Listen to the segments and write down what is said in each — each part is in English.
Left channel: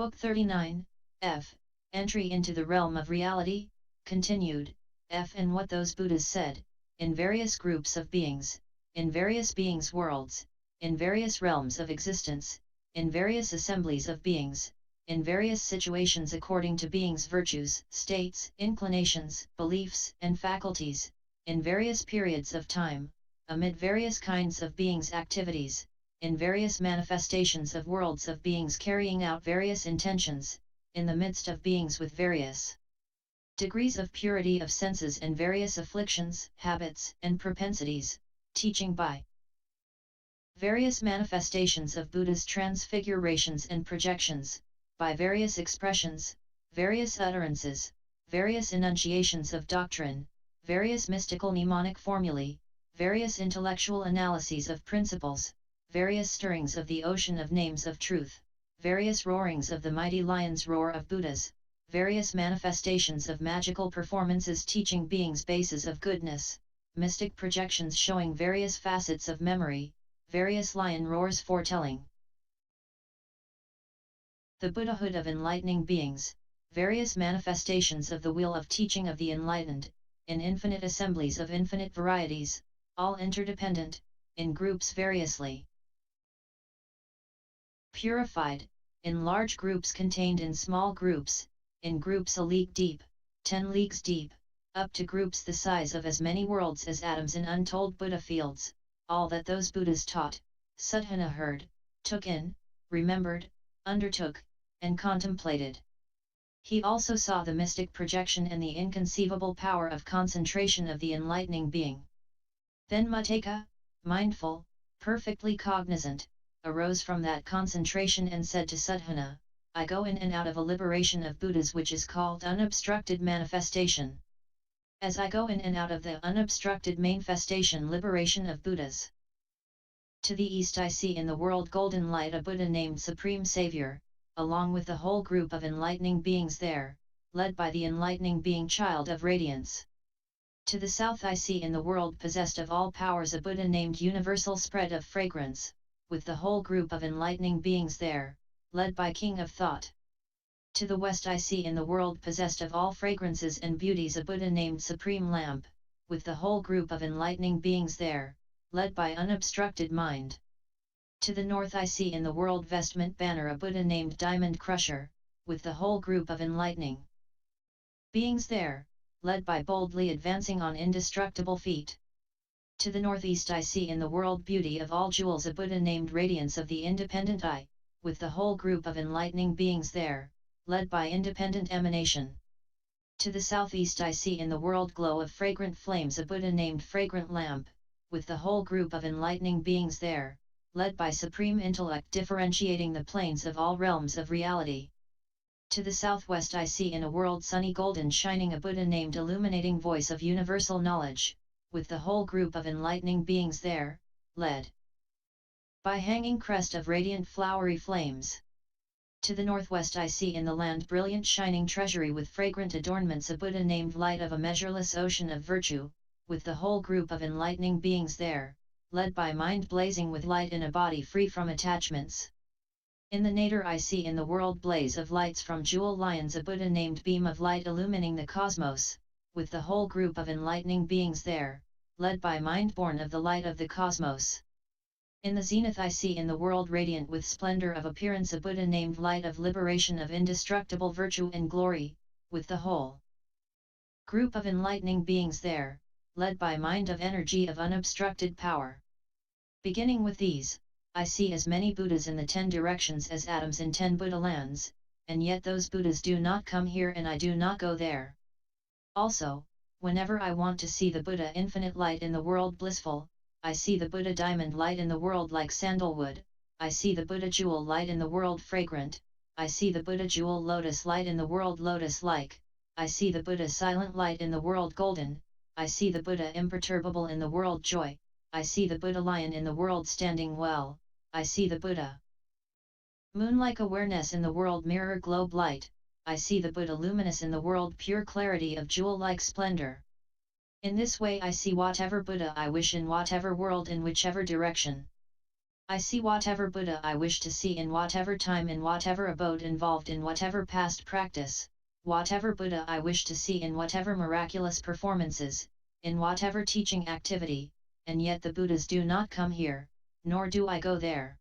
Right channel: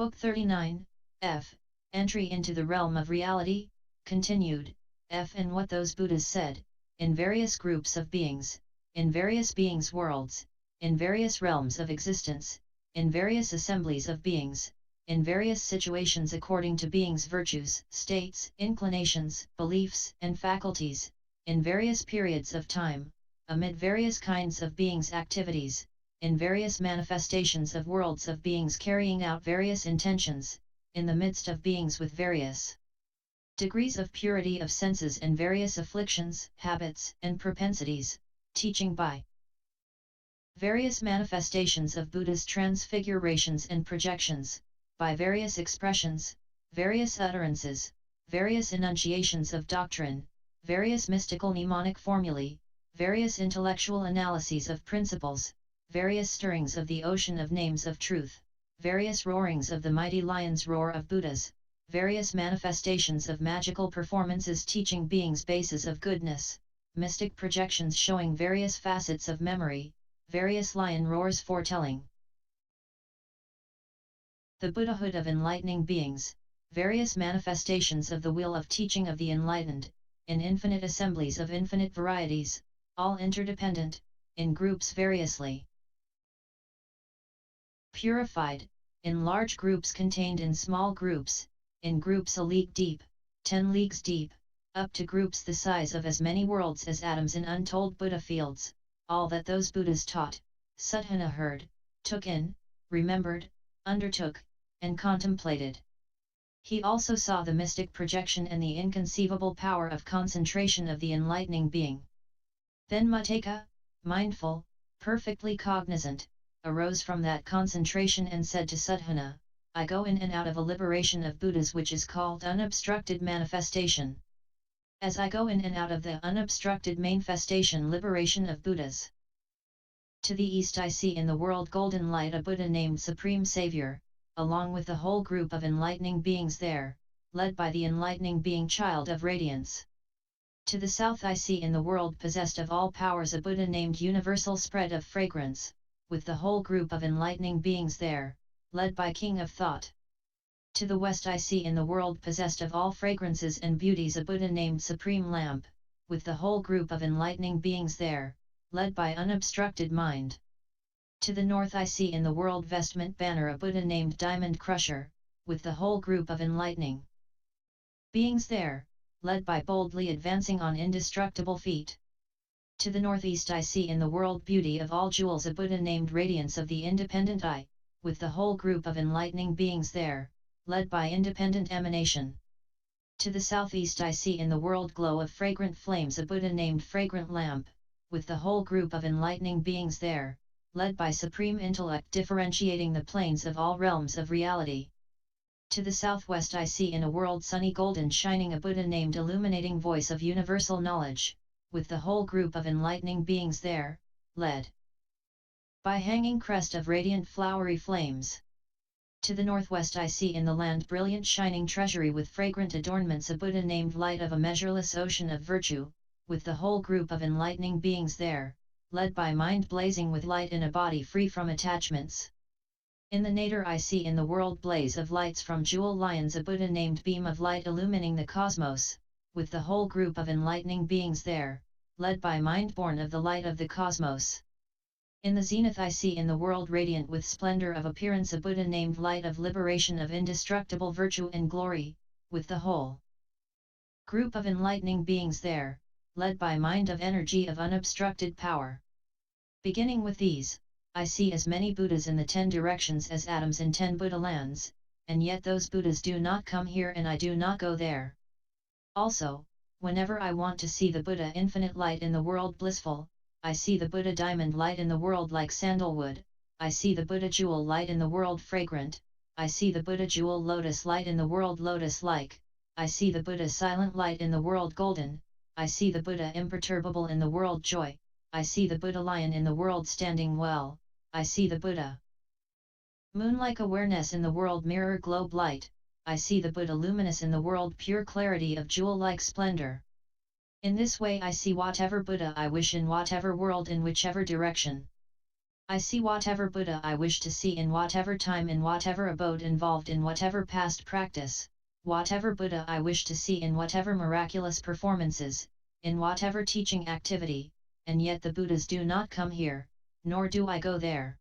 Book 39, F. Entry into the Realm of Reality, continued, F. And what those Buddhas said, in various groups of beings, in various beings' worlds, in various realms of existence, in various assemblies of beings, in various situations according to beings' virtues, states, inclinations, beliefs, and faculties, in various periods of time, amid various kinds of beings' activities, in various manifestations of worlds of beings carrying out various intentions, in the midst of beings with various degrees of purity of senses and various afflictions, habits, and propensities, teaching by various manifestations of Buddha's transfigurations and projections, by various expressions, various utterances, various enunciations of doctrine, various mystical mnemonic formulae, various intellectual analyses of principles, various stirrings of the ocean of names of truth, various roarings of the mighty lion's roar of Buddhas, various manifestations of magical performances teaching beings bases of goodness, mystic projections showing various facets of memory, various lion roars foretelling the Buddhahood of enlightening beings, various manifestations of the wheel of teaching of the enlightened, in infinite assemblies of infinite varieties, all interdependent, in groups variously purified, in large groups contained in small groups, in groups a league deep, 10 leagues deep, up to groups the size of as many worlds as atoms in untold Buddha fields, all that those Buddhas taught, Suddhana heard, took in, remembered, undertook, and contemplated. He also saw the mystic projection and the inconceivable power of concentration of the enlightening being. Then Muttaka, mindful, perfectly cognizant, arose from that concentration and said to Suddhana, I go in and out of a liberation of Buddhas which is called unobstructed manifestation. As I go in and out of the unobstructed manifestation liberation of Buddhas. To the east I see in the world golden light a Buddha named Supreme Savior, along with the whole group of enlightening beings there, led by the enlightening being Child of Radiance. To the south I see in the world possessed of all powers a Buddha named Universal Spread of Fragrance, with the whole group of enlightening beings there, led by King of Thought. To the west I see in the world possessed of all fragrances and beauties a Buddha named Supreme Lamp, with the whole group of enlightening beings there, led by unobstructed mind. To the north I see in the world vestment banner a Buddha named Diamond Crusher, with the whole group of enlightening beings there, led by boldly advancing on indestructible feet. To the northeast I see in the world beauty of all jewels a Buddha named Radiance of the Independent Eye, with the whole group of enlightening beings there, led by independent emanation. To the southeast I see in the world glow of fragrant flames a Buddha named Fragrant Lamp, with the whole group of enlightening beings there, led by supreme intellect differentiating the planes of all realms of reality. To the southwest I see in a world sunny golden shining a Buddha named Illuminating Voice of Universal Knowledge, with the whole group of enlightening beings there, led by hanging crest of radiant flowery flames. To the northwest I see in the land brilliant shining treasury with fragrant adornments a Buddha named Light of a measureless ocean of virtue, with the whole group of enlightening beings there, led by mind blazing with light in a body free from attachments. In the nadir I see in the world blaze of lights from jewel lions a Buddha named Beam of Light illumining the cosmos, with the whole group of enlightening beings there, led by mind born of the light of the cosmos. In the zenith I see in the world radiant with splendor of appearance a Buddha named Light of liberation of indestructible virtue and glory, with the whole group of enlightening beings there, led by mind of energy of unobstructed power. Beginning with these, I see as many Buddhas in the 10 directions as atoms in 10 Buddha lands, and yet those Buddhas do not come here and I do not go there. Also, whenever I want to see the Buddha infinite light in the world blissful, I see the Buddha diamond light in the world like sandalwood, I see the Buddha jewel light in the world fragrant, I see the Buddha jewel lotus light in the world lotus-like, I see the Buddha silent light in the world golden, I see the Buddha imperturbable in the world joy, I see the Buddha lion in the world standing well, I see the Buddha moon-like awareness in the world mirror globe light, I see the Buddha luminous in the world pure clarity of jewel-like splendor. In this way I see whatever Buddha I wish in whatever world in whichever direction I see whatever Buddha I wish to see in whatever time, in whatever abode, involved in whatever past practice, whatever Buddha I wish to see in whatever miraculous performances, in whatever teaching activity, and yet the Buddhas do not come here, nor do I go there.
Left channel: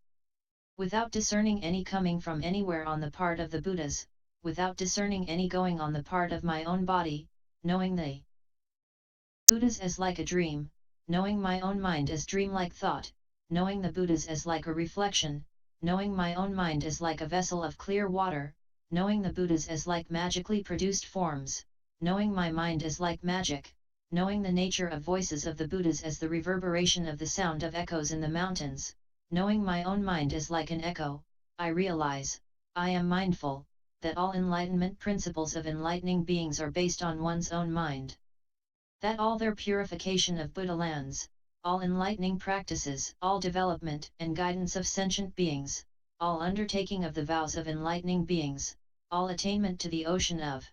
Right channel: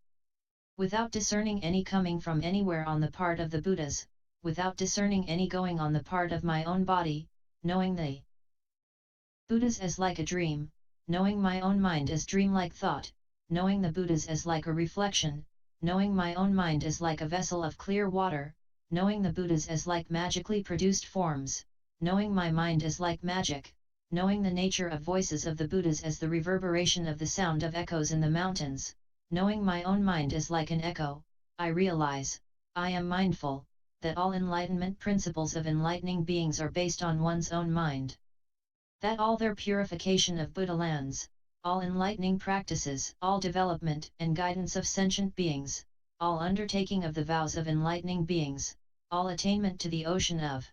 Without discerning any coming from anywhere on the part of the Buddhas, without discerning any going on the part of my own body, knowing the Buddhas as like a dream, knowing my own mind as dreamlike thought, knowing the Buddhas as like a reflection, knowing my own mind as like a vessel of clear water, knowing the Buddhas as like magically produced forms, knowing my mind as like magic, knowing the nature of voices of the Buddhas as the reverberation of the sound of echoes in the mountains, knowing my own mind as like an echo, I realize, I am mindful, that all enlightenment principles of enlightening beings are based on one's own mind. That all their purification of Buddha lands, all enlightening practices, all development and guidance of sentient beings, all undertaking of the vows of enlightening beings, all attainment to the ocean of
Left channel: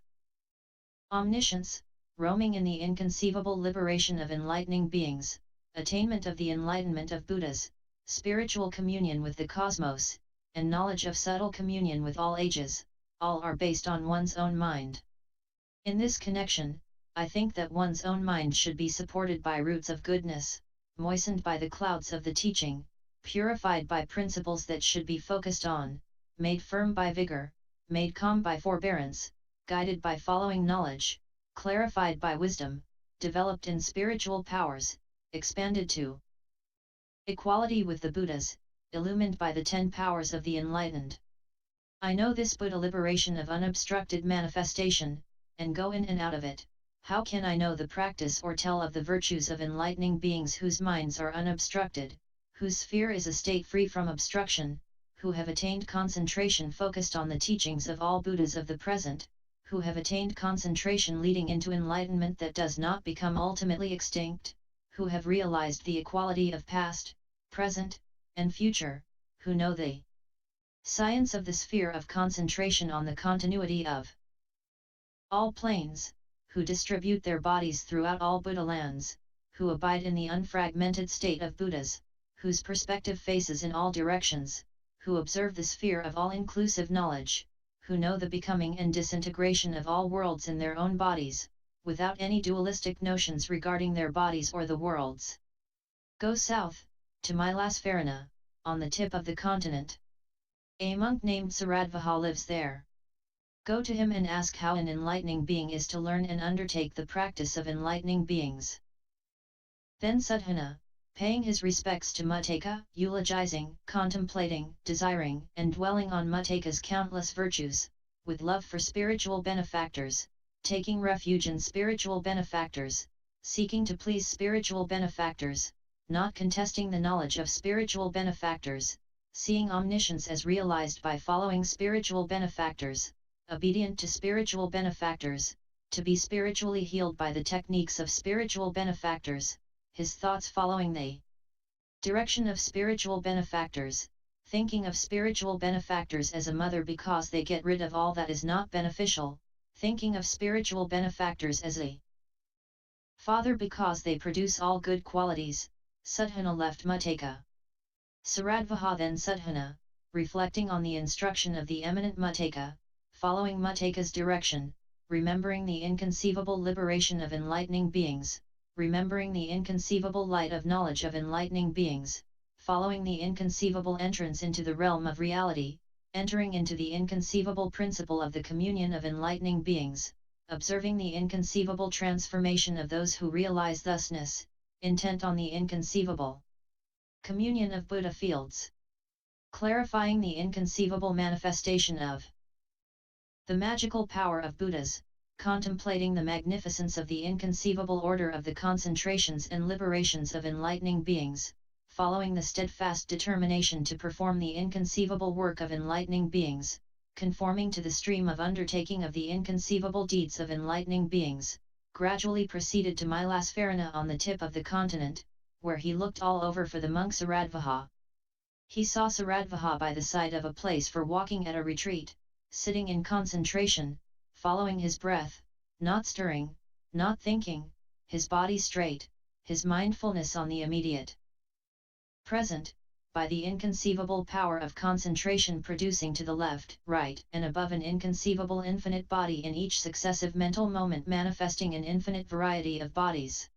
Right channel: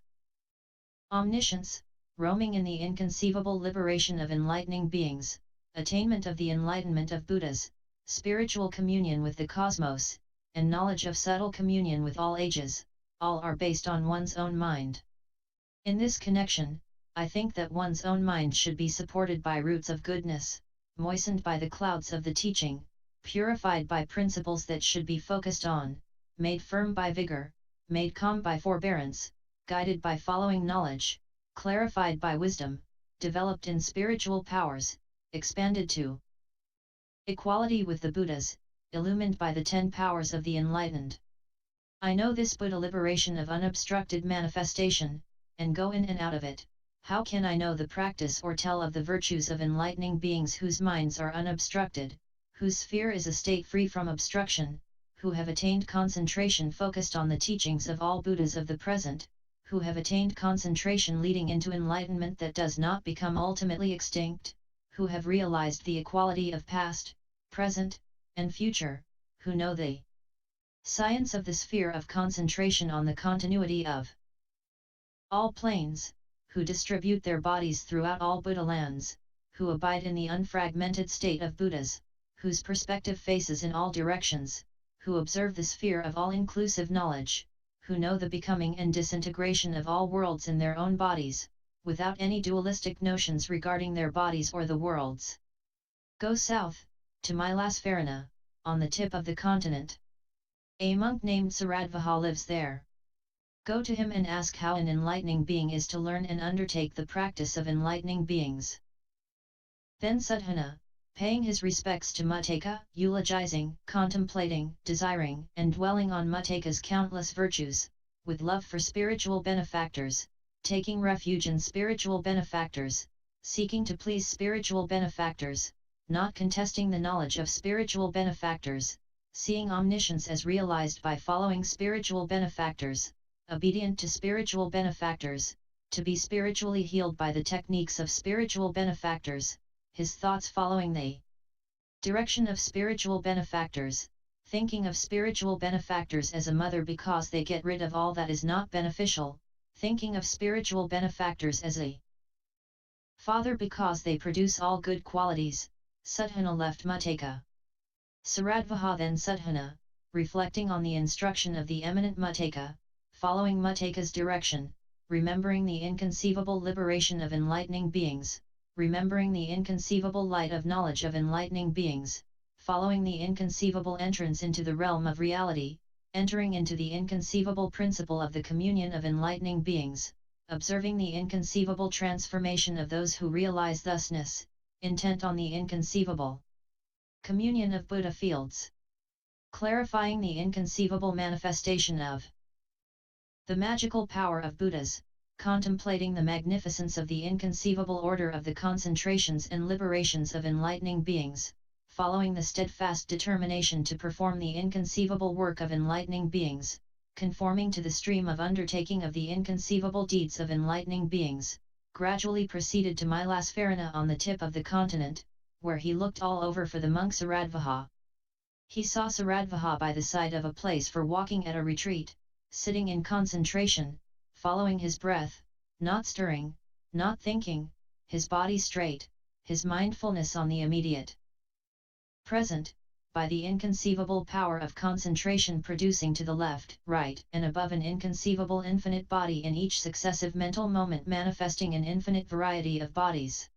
omniscience, roaming in the inconceivable liberation of enlightening beings, attainment of the enlightenment of Buddhas, spiritual communion with the cosmos, and knowledge of subtle communion with all ages, all are based on one's own mind. In this connection, I think that one's own mind should be supported by roots of goodness, moistened by the clouds of the teaching, purified by principles that should be focused on, made firm by vigor, made calm by forbearance, guided by following knowledge, clarified by wisdom, developed in spiritual powers, expanded to equality with the Buddhas, illumined by the 10 powers of the enlightened. I know this Buddha liberation of unobstructed manifestation, and go in and out of it. How can I know the practice or tell of the virtues of enlightening beings whose minds are unobstructed, whose sphere is a state free from obstruction, who have attained concentration focused on the teachings of all Buddhas of the present, who have attained concentration leading into enlightenment that does not become ultimately extinct, who have realized the equality of past, present, and future, who know the science of the sphere of concentration on the continuity of all planes, who distribute their bodies throughout all Buddha lands, who abide in the unfragmented state of Buddhas, whose perspective faces in all directions, who observe the sphere of all-inclusive knowledge, who know the becoming and disintegration of all worlds in their own bodies, without any dualistic notions regarding their bodies or the worlds. Go south, to Milasfarana, on the tip of the continent. A monk named Saradvaha lives there. Go to him and ask how an enlightening being is to learn and undertake the practice of enlightening beings. Then Sadhana, paying his respects to Muttaka, eulogizing, contemplating, desiring, and dwelling on Muttaka's countless virtues, with love for spiritual benefactors, taking refuge in spiritual benefactors, seeking to please spiritual benefactors, not contesting the knowledge of spiritual benefactors, seeing omniscience as realized by following spiritual benefactors, obedient to spiritual benefactors, to be spiritually healed by the techniques of spiritual benefactors, his thoughts following the direction of spiritual benefactors, thinking of spiritual benefactors as a mother because they get rid of all that is not beneficial, thinking of spiritual benefactors as a father because they produce all good qualities. Sadhana left Muttaka. Saradvaha then Sadhana, reflecting on the instruction of the eminent Muttaka, following Muttaka's direction, remembering the inconceivable liberation of enlightening beings, remembering the inconceivable light of knowledge of enlightening beings, following the inconceivable entrance into the realm of reality, entering into the inconceivable principle of the communion of enlightening beings, observing the inconceivable transformation of those who realize thusness, intent on the inconceivable communion of Buddha fields, clarifying the inconceivable manifestation of the magical power of Buddhas, contemplating the magnificence of the inconceivable order of the concentrations and liberations of enlightening beings, following the steadfast determination to perform the inconceivable work of enlightening beings, conforming to the stream of undertaking of the inconceivable deeds of enlightening beings, gradually proceeded to Milasfarana on the tip of the continent, where he looked all over for the monk Saradvaha. He saw Saradvaha by the side of a place for walking at a retreat, sitting in concentration, following his breath, not stirring, not thinking, his body straight, his mindfulness on the immediate present, by the inconceivable power of concentration producing to the left, right, and above an inconceivable infinite body in each successive mental moment manifesting an infinite variety of bodies.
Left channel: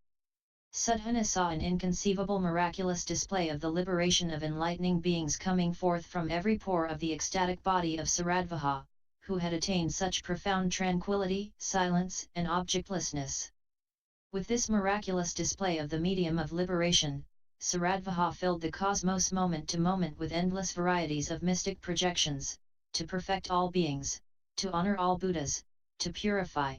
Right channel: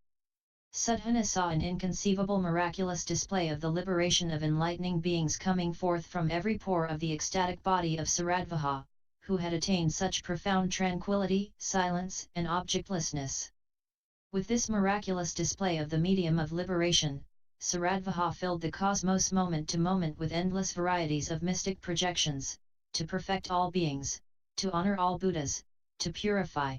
Sadhana saw an inconceivable miraculous display of the liberation of enlightening beings coming forth from every pore of the ecstatic body of Saradvaha, who had attained such profound tranquility, silence, and objectlessness. With this miraculous display of the medium of liberation, Saradvaha filled the cosmos moment to moment with endless varieties of mystic projections, to perfect all beings, to honor all Buddhas, to purify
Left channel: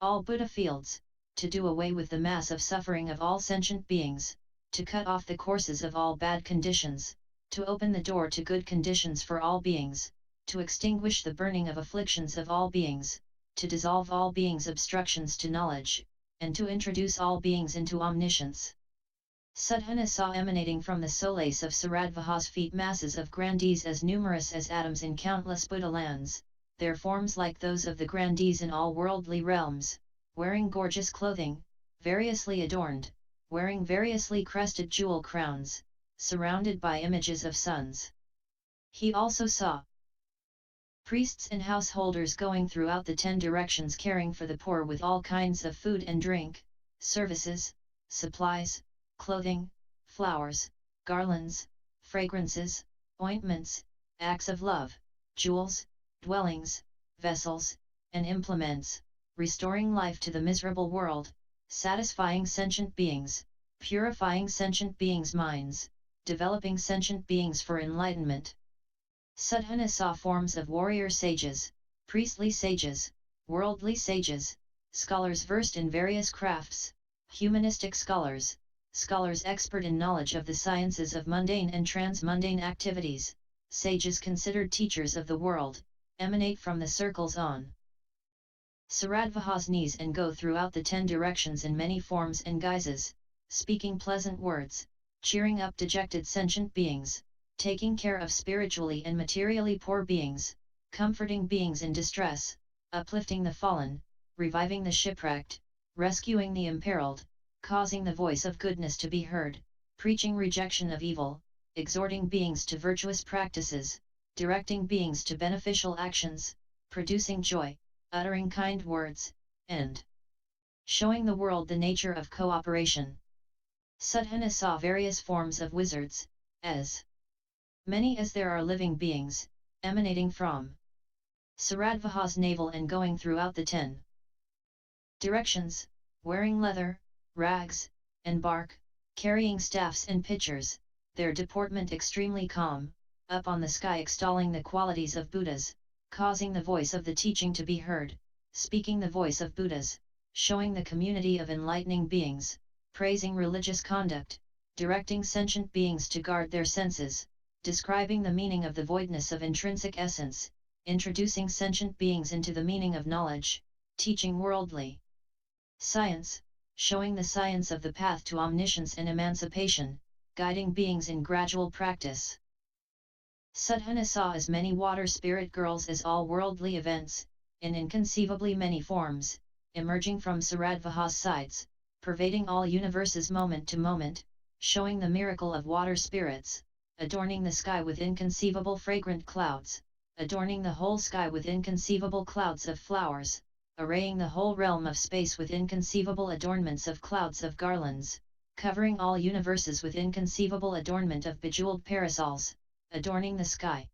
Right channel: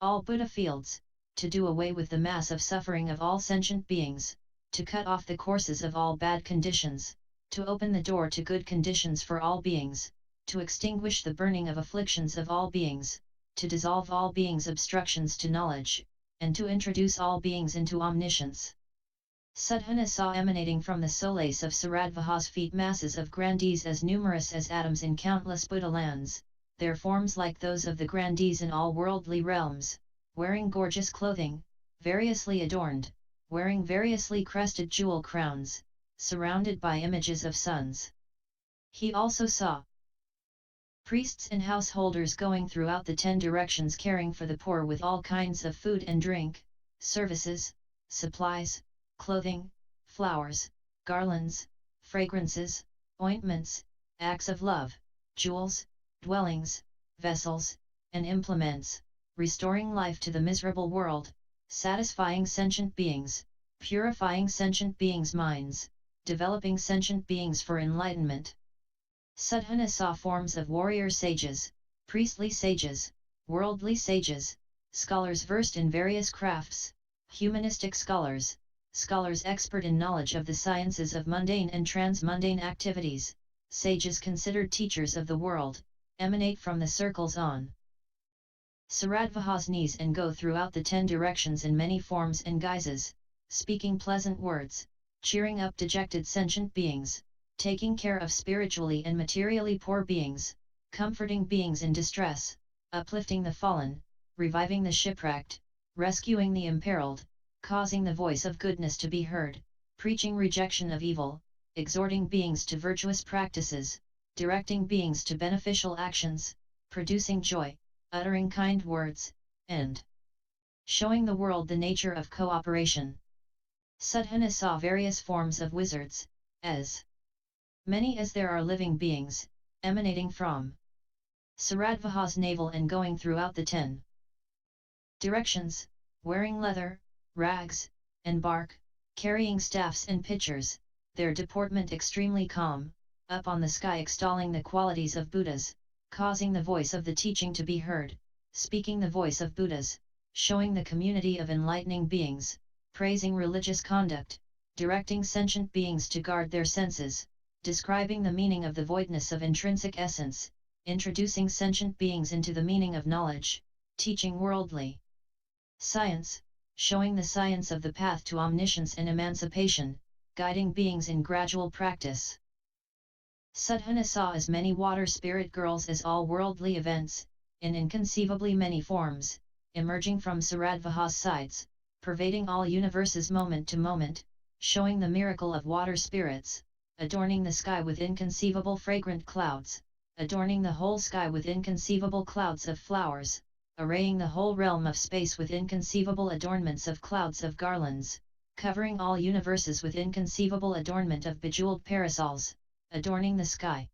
all Buddha fields, to do away with the mass of suffering of all sentient beings, to cut off the courses of all bad conditions, to open the door to good conditions for all beings, to extinguish the burning of afflictions of all beings, to dissolve all beings' obstructions to knowledge, and to introduce all beings into omniscience. Sadhana saw emanating from the solace of Saradvaha's feet masses of grandees as numerous as atoms in countless Buddha lands, their forms like those of the grandees in all worldly realms, wearing gorgeous clothing, variously adorned, wearing variously crested jewel crowns, surrounded by images of suns. He also saw priests and householders going throughout the 10 directions caring for the poor with all kinds of food and drink, services, supplies, clothing, flowers, garlands, fragrances, ointments, acts of love, jewels, dwellings, vessels, and implements, restoring life to the miserable world, satisfying sentient beings, purifying sentient beings' minds, developing sentient beings for enlightenment. Sadhana saw forms of warrior sages, priestly sages, worldly sages, scholars versed in various crafts, humanistic scholars, scholars expert in knowledge of the sciences of mundane and transmundane activities, sages considered teachers of the world, emanate from the circles on Saradvaha's knees and go throughout the 10 directions in many forms and guises, speaking pleasant words, cheering up dejected sentient beings, taking care of spiritually and materially poor beings, comforting beings in distress, uplifting the fallen, reviving the shipwrecked, rescuing the imperiled, causing the voice of goodness to be heard, preaching rejection of evil, exhorting beings to virtuous practices, directing beings to beneficial actions, producing joy, uttering kind words, and showing the world the nature of cooperation. Sadhana saw various forms of wizards, as many as there are living beings, emanating from Saradvaha's navel and going throughout the 10 directions, wearing leather, rags, and bark, carrying staffs and pitchers, their deportment extremely calm, up on the sky extolling the qualities of Buddhas, causing the voice of the teaching to be heard, speaking the voice of Buddhas, showing the community of enlightening beings, praising religious conduct, directing sentient beings to guard their senses, describing the meaning of the voidness of intrinsic essence, introducing sentient beings into the meaning of knowledge, teaching worldly science, showing the science of the path to omniscience and emancipation, guiding beings in gradual practice. Sadhana saw as many water spirit girls as all worldly events, in inconceivably many forms, emerging from Saradvaha's sides, pervading all universes moment to moment, showing the miracle of water spirits, adorning the sky with inconceivable fragrant clouds, adorning the whole sky with inconceivable clouds of flowers, arraying the whole realm of space with inconceivable adornments of clouds of garlands, covering all universes with inconceivable adornment of bejeweled parasols, adorning the sky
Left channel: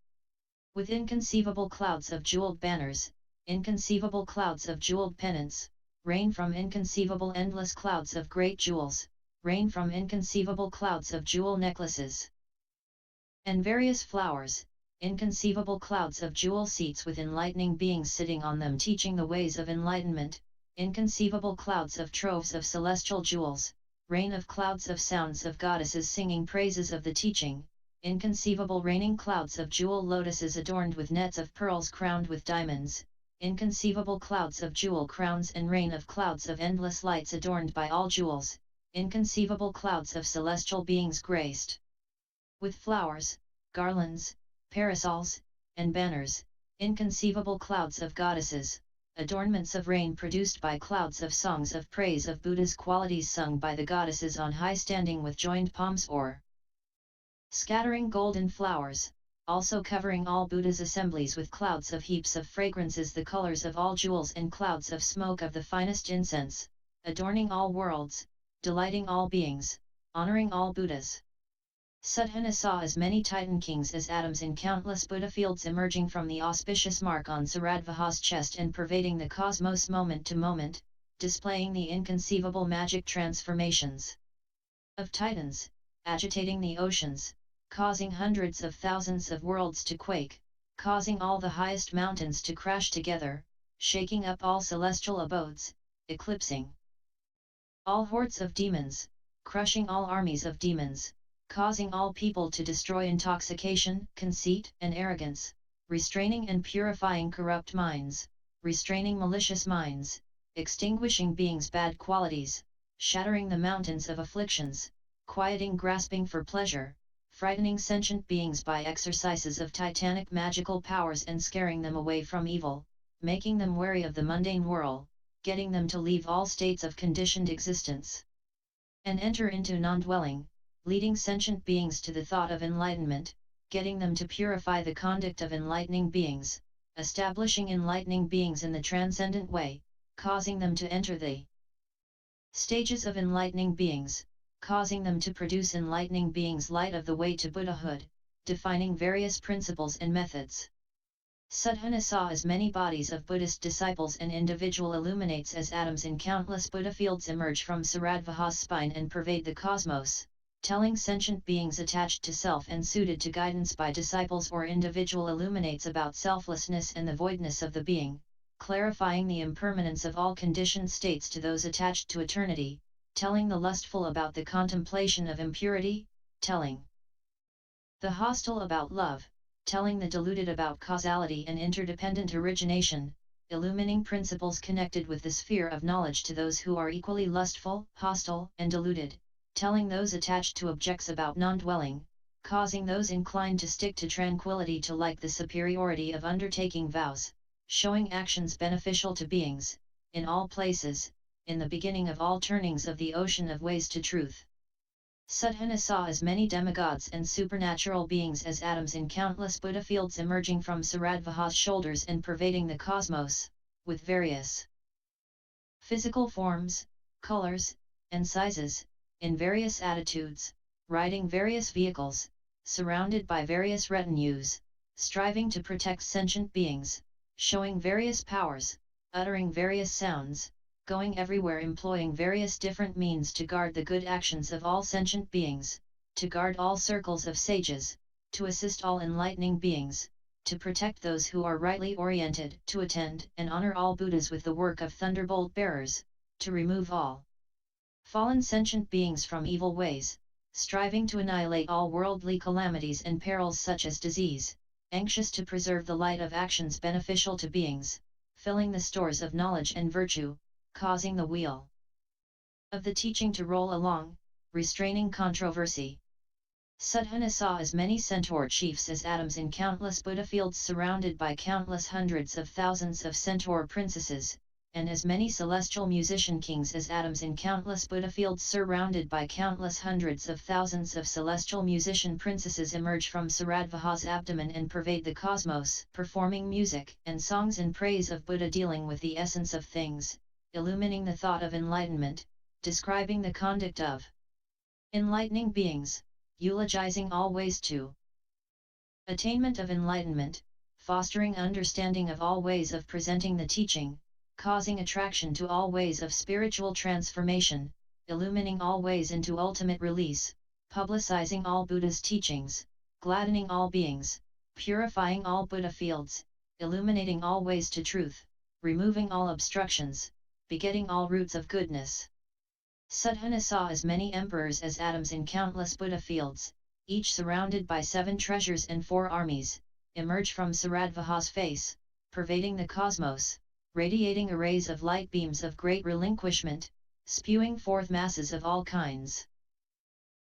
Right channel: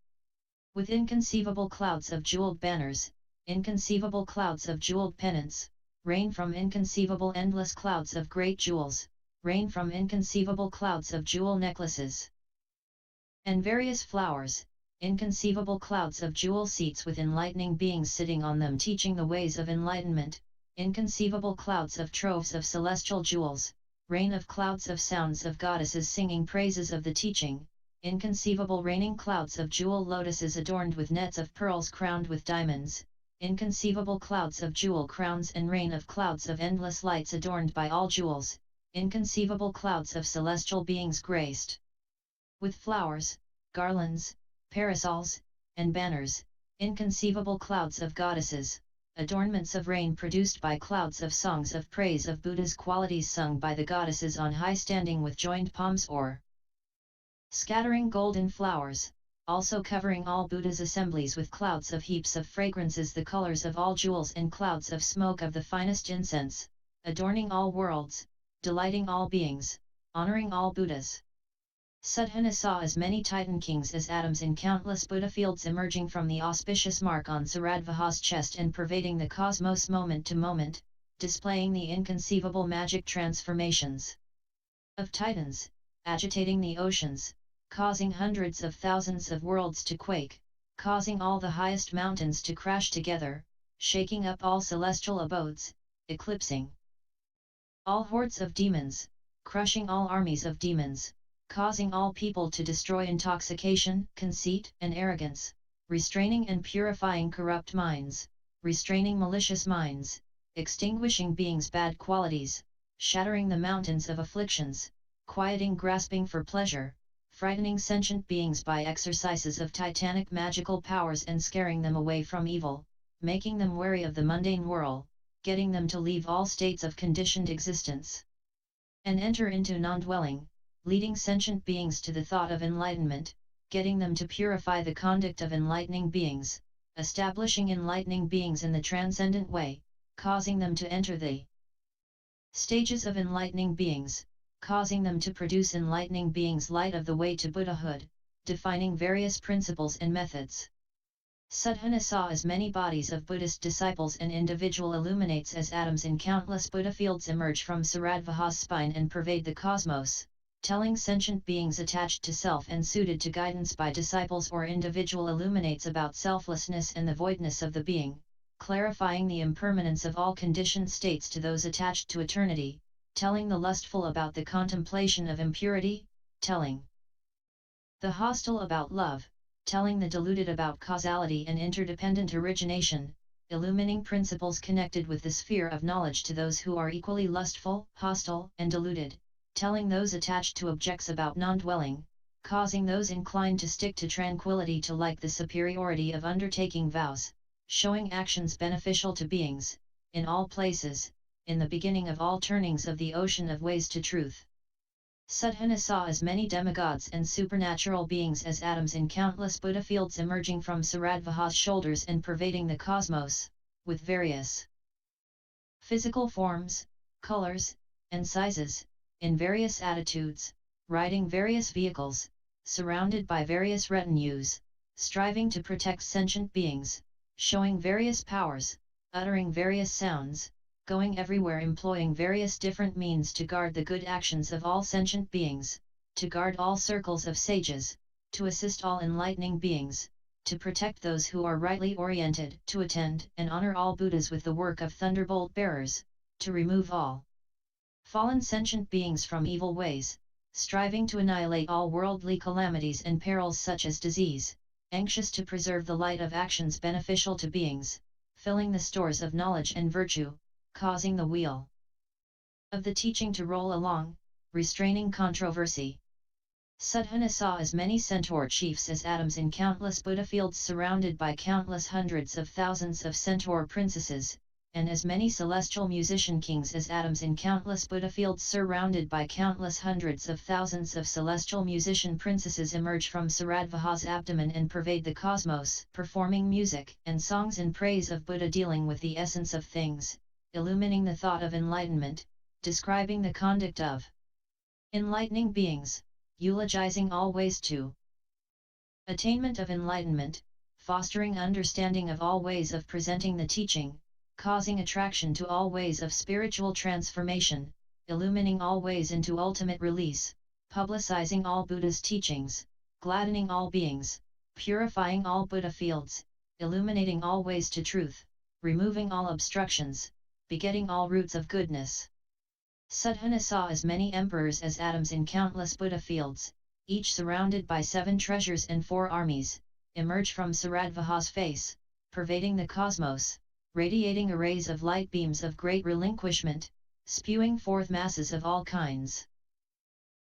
with inconceivable clouds of jeweled banners, inconceivable clouds of jeweled pennants, rain from inconceivable endless clouds of great jewels, rain from inconceivable clouds of jewel necklaces, and various flowers, inconceivable clouds of jewel seats with enlightening beings sitting on them teaching the ways of enlightenment, inconceivable clouds of troves of celestial jewels, rain of clouds of sounds of goddesses singing praises of the teaching, inconceivable raining clouds of jewel lotuses adorned with nets of pearls crowned with diamonds, inconceivable clouds of jewel crowns and rain of clouds of endless lights adorned by all jewels, inconceivable clouds of celestial beings graced with flowers, garlands, parasols, and banners, inconceivable clouds of goddesses, adornments of rain produced by clouds of songs of praise of Buddha's qualities sung by the goddesses on high standing with joined palms or scattering golden flowers, also covering all Buddha's assemblies with clouds of heaps of fragrances the colors of all jewels and clouds of smoke of the finest incense, adorning all worlds, delighting all beings, honoring all Buddhas. Sudhana saw as many Titan kings as atoms in countless Buddha fields emerging from the auspicious mark on Saradvaha's chest and pervading the cosmos moment to moment, displaying the inconceivable magic transformations of Titans, agitating the oceans, causing hundreds of thousands of worlds to quake, causing all the highest mountains to crash together, shaking up all celestial abodes, eclipsing all hordes of demons, crushing all armies of demons, causing all people to destroy intoxication, conceit and arrogance, restraining and purifying corrupt minds, restraining malicious minds, extinguishing beings' bad qualities, shattering the mountains of afflictions, quieting grasping for pleasure, frightening sentient beings by exercises of titanic magical powers and scaring them away from evil, making them wary of the mundane whirl, getting them to leave all states of conditioned existence and enter into non-dwelling, leading sentient beings to the thought of enlightenment, getting them to purify the conduct of enlightening beings, establishing enlightening beings in the transcendent way, causing them to enter the stages of enlightening beings, causing them to produce enlightening beings light of the way to Buddhahood, defining various principles and methods. Sudhana saw as many bodies of Buddhist disciples and individual illuminates as atoms in countless Buddha fields emerge from Saradvaha's spine and pervade the cosmos, telling sentient beings attached to self and suited to guidance by disciples or individual illuminates about selflessness and the voidness of the being, clarifying the impermanence of all conditioned states to those attached to eternity, telling the lustful about the contemplation of impurity, telling the hostile about love, telling the deluded about causality and interdependent origination, illuminating principles connected with the sphere of knowledge to those who are equally lustful, hostile, and deluded, telling those attached to objects about non-dwelling, causing those inclined to stick to tranquility to like the superiority of undertaking vows, showing actions beneficial to beings, in all places, in the beginning of all turnings of the ocean of ways to truth. Sudhana saw as many demigods and supernatural beings as atoms in countless Buddha fields emerging from Saradvaha's shoulders and pervading the cosmos, with various physical forms, colors, and sizes, in various attitudes, riding various vehicles, surrounded by various retinues, striving to protect sentient beings, showing various powers, uttering various sounds, going everywhere employing various different means to guard the good actions of all sentient beings, to guard all circles of sages, to assist all enlightening beings, to protect those who are rightly oriented, to attend and honor all Buddhas with the work of thunderbolt bearers, to remove all fallen sentient beings from evil ways, striving to annihilate all worldly calamities and perils such as disease, anxious to preserve the light of actions beneficial to beings, filling the stores of knowledge and virtue, causing the wheel of the teaching to roll along, restraining controversy. Sudhana saw as many centaur chiefs as atoms in countless Buddha fields surrounded by countless hundreds of thousands of centaur princesses, and as many celestial musician kings as atoms in countless Buddha fields surrounded by countless hundreds of thousands of celestial musician princesses emerge from Saradvaha's abdomen and pervade the cosmos, performing music and songs in praise of Buddha dealing with the essence of things, illuminating the thought of enlightenment, describing the conduct of enlightening beings, eulogizing all ways to attainment of enlightenment, fostering understanding of all ways of presenting the teaching, causing attraction to all ways of spiritual transformation, illuminating all ways into ultimate release, publicizing all Buddha's teachings, gladdening all beings, purifying all Buddha fields, illuminating all ways to truth, removing all obstructions, begetting all roots of goodness. Sudhana saw as many emperors as atoms in countless Buddha fields, each surrounded by 7 treasures and 4 armies, emerge from Saradvaha's face, pervading the cosmos, radiating arrays of light beams of great relinquishment, spewing forth masses of all kinds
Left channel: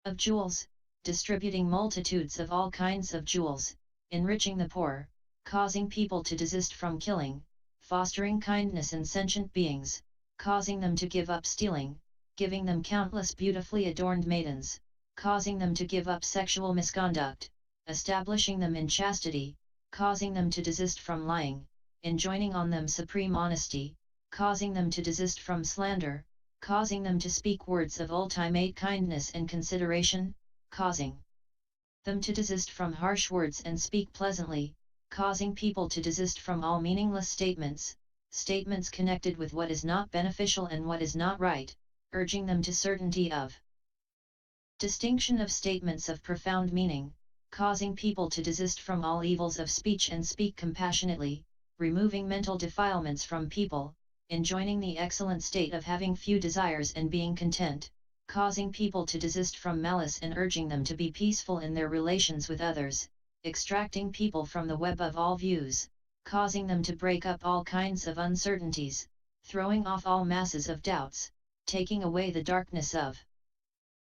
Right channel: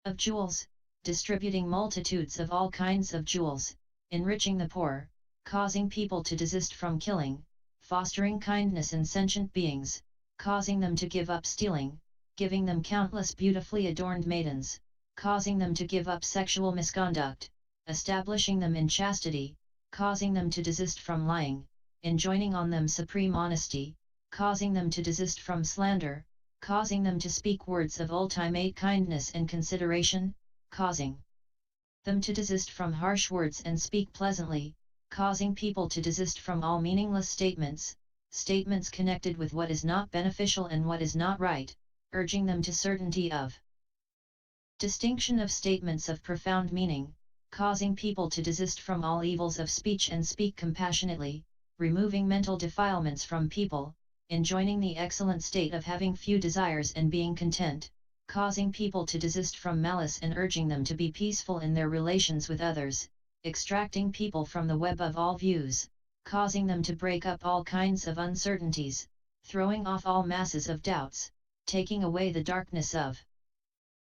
of jewels, distributing multitudes of all kinds of jewels, enriching the poor, causing people to desist from killing, fostering kindness in sentient beings, causing them to give up stealing, giving them countless beautifully adorned maidens, causing them to give up sexual misconduct, establishing them in chastity, causing them to desist from lying, enjoining on them supreme honesty, causing them to desist from slander, causing them to speak words of ulti-mate kindness and consideration, causing them to desist from harsh words and speak pleasantly, causing people to desist from all meaningless statements, statements connected with what is not beneficial and what is not right, urging them to certainty of distinction of statements of profound meaning, causing people to desist from all evils of speech and speak compassionately, removing mental defilements from people, enjoining the excellent state of having few desires and being content, causing people to desist from malice and urging them to be peaceful in their relations with others, extracting people from the web of all views, causing them to break up all kinds of uncertainties, throwing off all masses of doubts, taking away the darkness of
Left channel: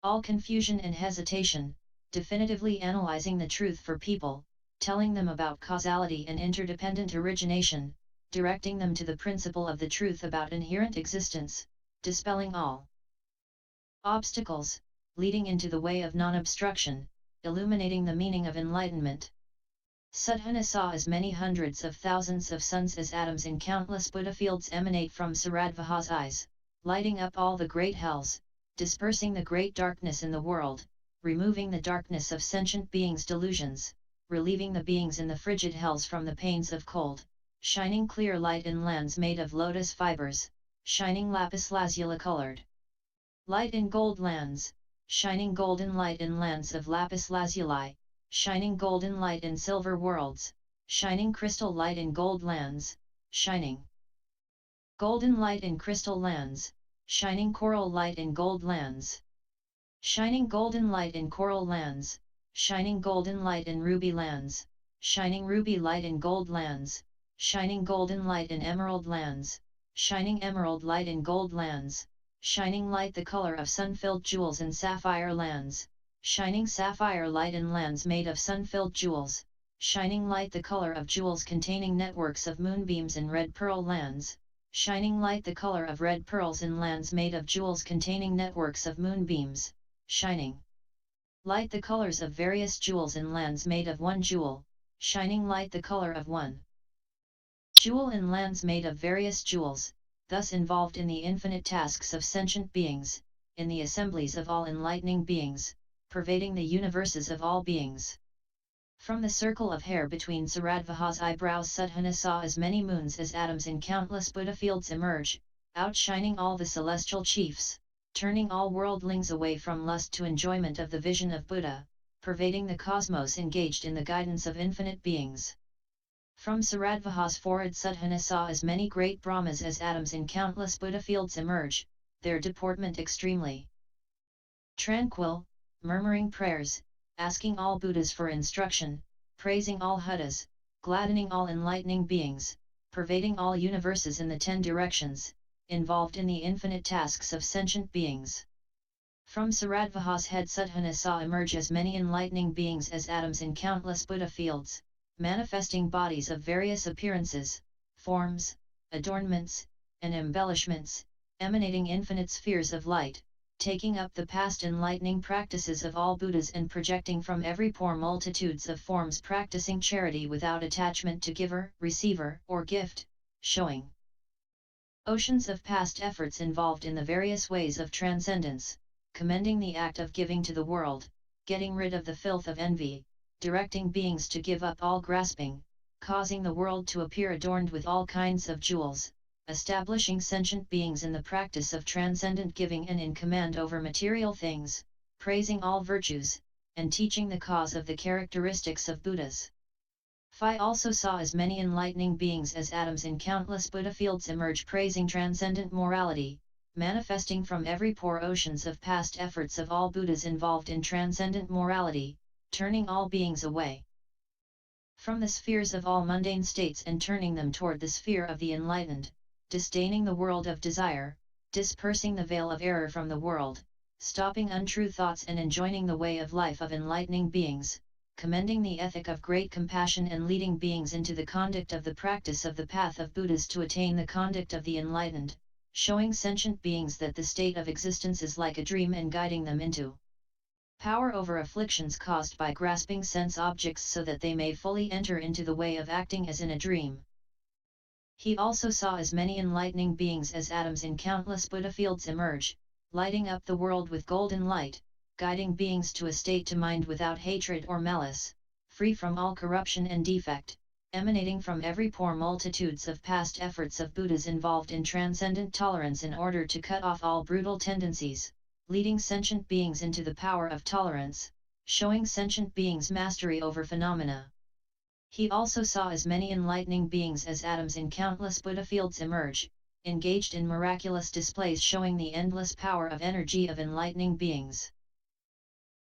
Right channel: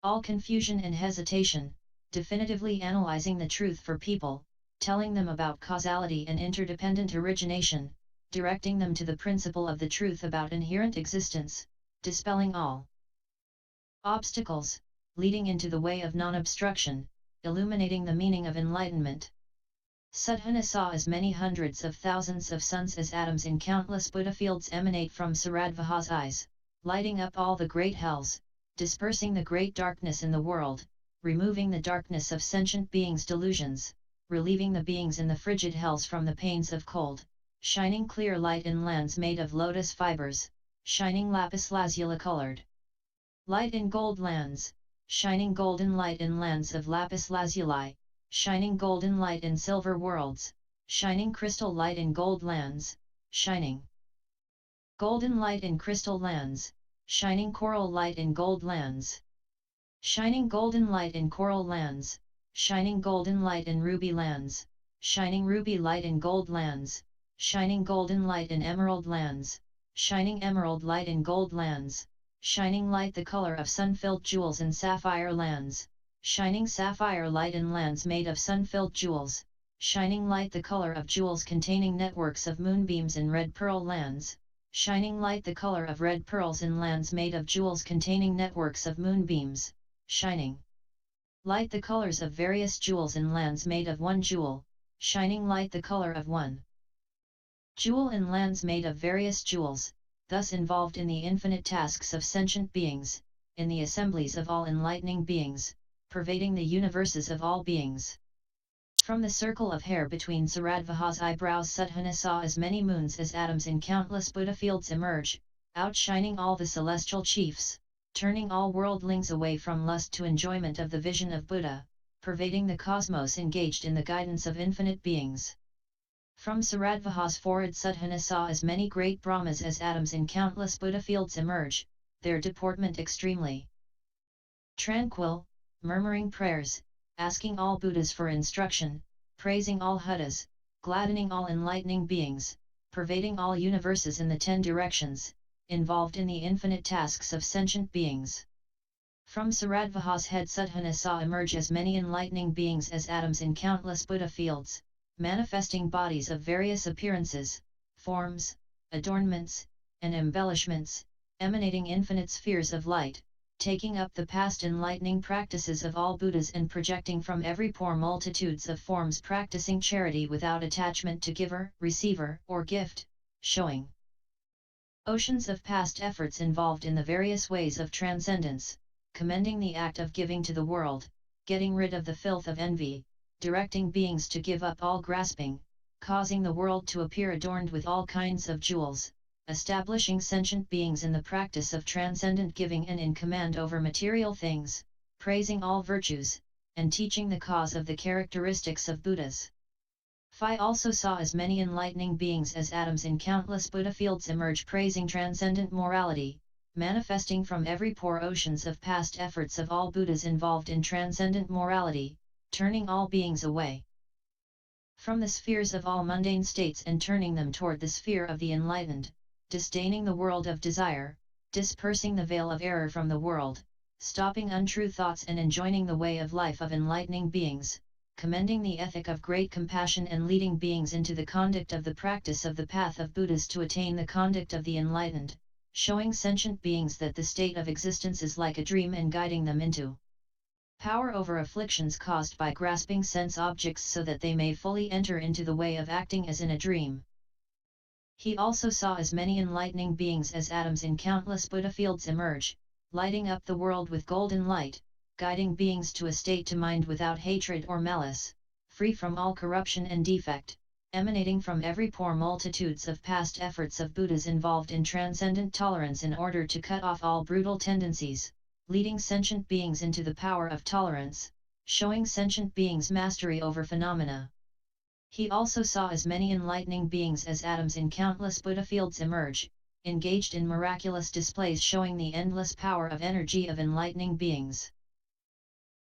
all confusion and hesitation, definitively analyzing the truth for people, telling them about causality and interdependent origination, directing them to the principle of the truth about inherent existence, dispelling all obstacles, leading into the way of non-obstruction, illuminating the meaning of enlightenment. Sadhana saw as many hundreds of thousands of suns as atoms in countless Buddha fields emanate from Saradvaha's eyes, lighting up all the great hells, dispersing the great darkness in the world, removing the darkness of sentient beings' delusions, relieving the beings in the frigid hells from the pains of cold, shining clear light in lands made of lotus fibers, shining lapis lazuli colored light in gold lands, shining golden light in lands of lapis lazuli, shining golden light in silver worlds, shining crystal light in gold lands, shining golden light in crystal lands, shining coral light in gold lands, shining golden light in coral lands, shining golden light in ruby lands, shining ruby light in gold lands, shining golden light in emerald lands, shining emerald light in gold lands, shining light the color of sun-filled jewels in sapphire lands, shining sapphire light in lands made of sun-filled jewels, shining light the color of jewels containing networks of moonbeams in red pearl lands, shining light the color of red pearls in lands made of jewels containing networks of moonbeams, shining light the colors of various jewels in lands made of one jewel, shining light the color of one jewel in lands made of various jewels, thus involved in the infinite tasks of sentient beings, in the assemblies of all enlightening beings, pervading the universes of all beings. From the circle of hair between Saradvaha's eyebrows Sadhana saw as many moons as atoms in countless Buddha fields emerge, outshining all the celestial chiefs, turning all worldlings away from lust to enjoyment of the vision of Buddha, pervading the cosmos engaged in the guidance of infinite beings. From Saradvaha's forehead Sadhana saw as many great Brahmas as atoms in countless Buddha fields emerge, their deportment extremely tranquil, murmuring prayers, asking all Buddhas for instruction, praising all Huddhas, gladdening all enlightening beings, pervading all universes in the 10 directions, involved in the infinite tasks of sentient beings. From Saradvaha's head Sadhana saw emerge as many enlightening beings as atoms in countless Buddha fields, manifesting bodies of various appearances, forms, adornments, and embellishments, emanating infinite spheres of light, taking up the past enlightening practices of all Buddhas and projecting from every pore multitudes of forms practicing charity without attachment to giver, receiver, or gift, showing oceans of past efforts involved in the various ways of transcendence, commending the act of giving to the world, getting rid of the filth of envy, directing beings to give up all grasping, causing the world to appear adorned with all kinds of jewels, establishing sentient beings in the practice of transcendent giving and in command over material things, praising all virtues, and teaching the cause of the characteristics of Buddhas. Phi also saw as many enlightening beings as atoms in countless Buddha fields emerge praising transcendent morality, manifesting from every pore oceans of past efforts of all Buddhas involved in transcendent morality, turning all beings away from the spheres of all mundane states and turning them toward the sphere of the enlightened, disdaining the world of desire, dispersing the veil of error from the world, stopping untrue thoughts and enjoining the way of life of enlightening beings, commending the ethic of great compassion and leading beings into the conduct of the practice of the path of Buddhas to attain the conduct of the enlightened, showing sentient beings that the state of existence is like a dream and guiding them into Power over afflictions caused by grasping sense objects so that they may fully enter into the way of acting as in a dream. He also saw as many enlightening beings as atoms in countless Buddha fields emerge, lighting up the world with golden light, guiding beings to a state to mind without hatred or malice, free from all corruption and defect, emanating from every pore multitudes of past efforts of Buddhas involved in transcendent tolerance in order to cut off all brutal tendencies, leading sentient beings into the power of tolerance, showing sentient beings mastery over phenomena. He also saw as many enlightening beings as atoms in countless Buddha fields emerge, engaged in miraculous displays showing the endless power of energy of enlightening beings.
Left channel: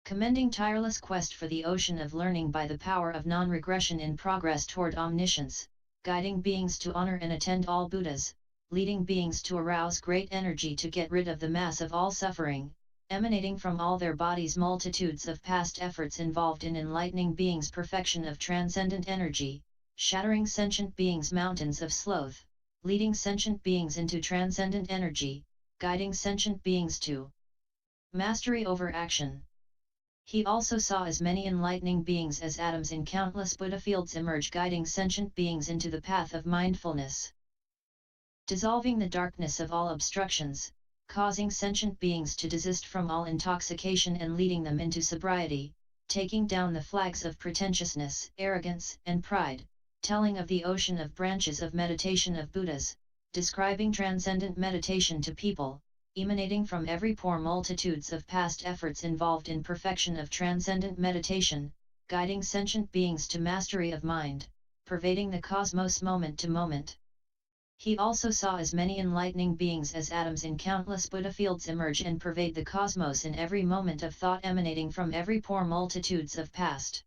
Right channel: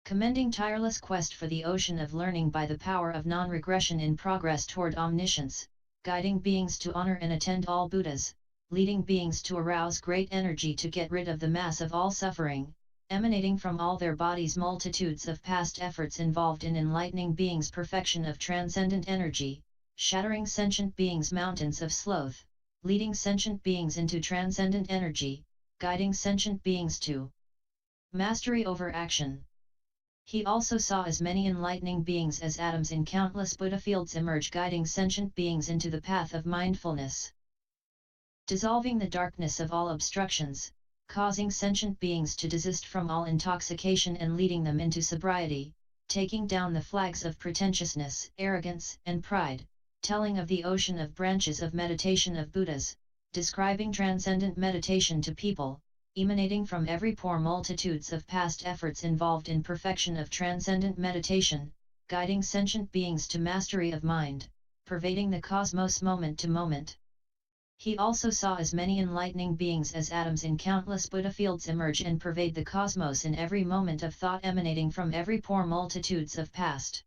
Commending tireless quest for the ocean of learning by the power of non-regression in progress toward omniscience, guiding beings to honor and attend all Buddhas, leading beings to arouse great energy to get rid of the mass of all suffering, emanating from all their bodies multitudes of past efforts involved in enlightening beings' perfection of transcendent energy, shattering sentient beings' mountains of sloth, leading sentient beings into transcendent energy, guiding sentient beings to mastery over action. He also saw as many enlightening beings as atoms in countless Buddha fields emerge guiding sentient beings into the path of mindfulness. Dissolving the darkness of all obstructions, causing sentient beings to desist from all intoxication and leading them into sobriety, taking down the flags of pretentiousness, arrogance, and pride, telling of the ocean of branches of meditation of Buddhas, describing transcendent meditation to people, emanating from every pore multitudes of past efforts involved in perfection of transcendent meditation, guiding sentient beings to mastery of mind, pervading the cosmos moment to moment. He also saw as many enlightening beings as atoms in countless Buddha fields emerge and pervade the cosmos in every moment of thought emanating from every pore multitudes of past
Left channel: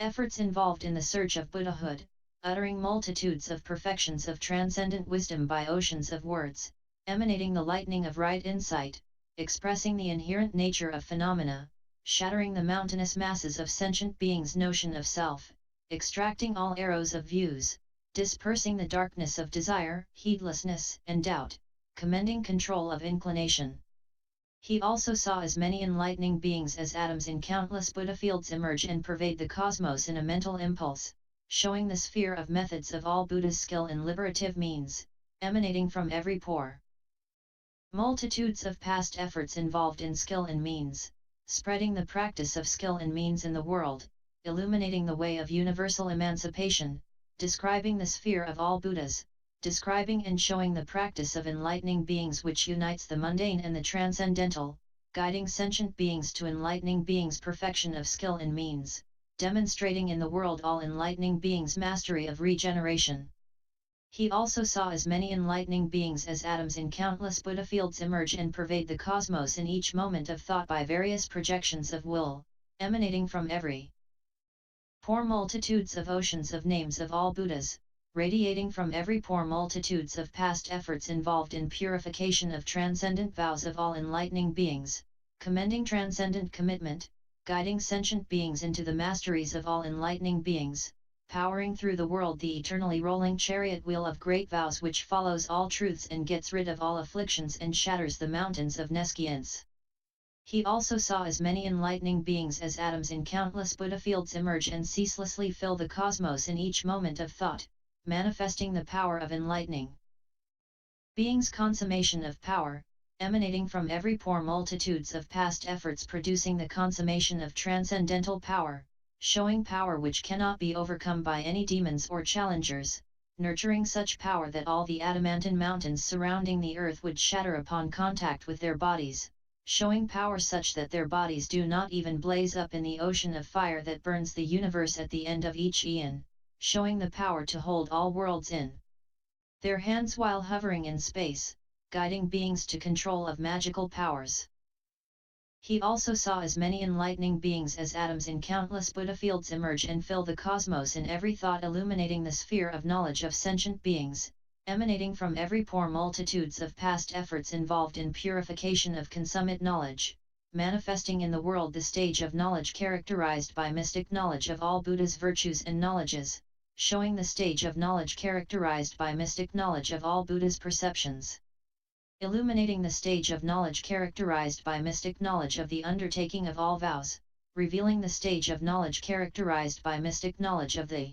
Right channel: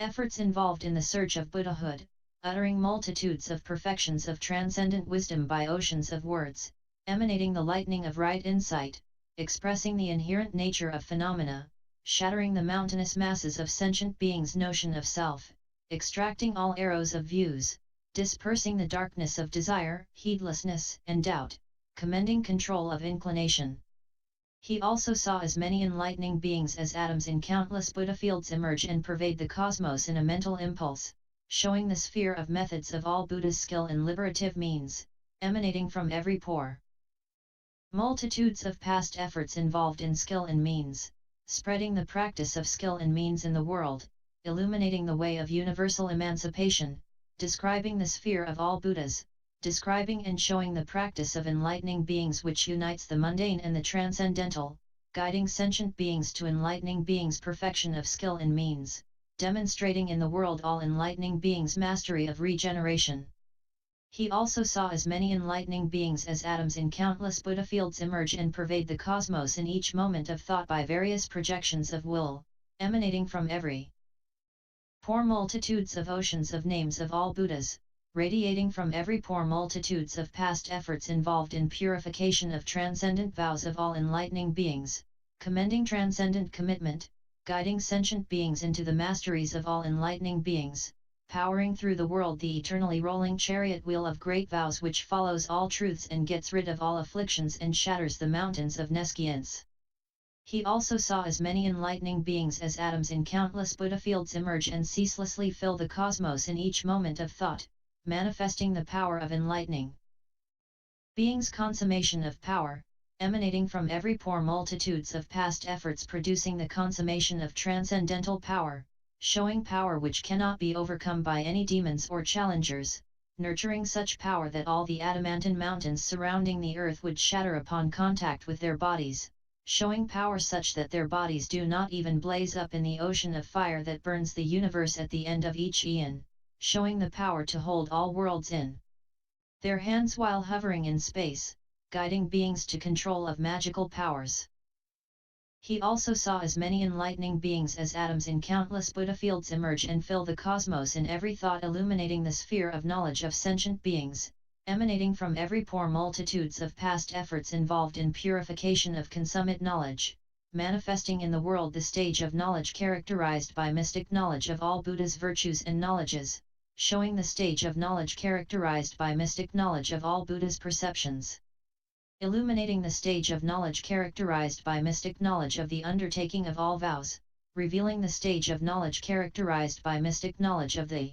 efforts involved in the search of Buddhahood, uttering multitudes of perfections of transcendent wisdom by oceans of words, emanating the lightning of right insight, expressing the inherent nature of phenomena, shattering the mountainous masses of sentient beings' notion of self, extracting all arrows of views, dispersing the darkness of desire, heedlessness, and doubt, commending control of inclination. He also saw as many enlightening beings as atoms in countless Buddha fields emerge and pervade the cosmos in a mental impulse, showing the sphere of methods of all Buddha's skill in liberative means, emanating from every pore. Multitudes of past efforts involved in skill and means, spreading the practice of skill and means in the world, illuminating the way of universal emancipation, describing the sphere of all Buddhas, describing and showing the practice of enlightening beings which unites the mundane and the transcendental, guiding sentient beings to enlightening beings' perfection of skill and means, demonstrating in the world all enlightening beings' mastery of regeneration. He also saw as many enlightening beings as atoms in countless Buddha fields emerge and pervade the cosmos in each moment of thought by various projections of will, emanating from every pore multitudes of oceans of names of all Buddhas, radiating from every pore multitudes of past efforts involved in purification of transcendent vows of all enlightening beings, commending transcendent commitment, guiding sentient beings into the masteries of all enlightening beings, powering through the world the eternally rolling chariot wheel of great vows which follows all truths and gets rid of all afflictions and shatters the mountains of nescience. He also saw as many enlightening beings as atoms in countless Buddha fields emerge and ceaselessly fill the cosmos in each moment of thought, manifesting the power of enlightening beings' consummation of power, emanating from every pore multitudes of past efforts producing the consummation of transcendental power, showing power which cannot be overcome by any demons or challengers, nurturing such power that all the adamantine mountains surrounding the earth would shatter upon contact with their bodies, showing power such that their bodies do not even blaze up in the ocean of fire that burns the universe at the end of each eon, showing the power to hold all worlds in their hands while hovering in space, guiding beings to control of magical powers. He also saw as many enlightening beings as atoms in countless Buddha fields emerge and fill the cosmos in every thought illuminating the sphere of knowledge of sentient beings, emanating from every pore multitudes of past efforts involved in purification of consummate knowledge, manifesting in the world the stage of knowledge characterized by mystic knowledge of all Buddha's virtues and knowledges, showing the stage of knowledge characterized by mystic knowledge of all Buddha's perceptions. illuminating the stage of knowledge characterized by mystic knowledge of the undertaking of all vows, revealing the stage of knowledge characterized by mystic knowledge of the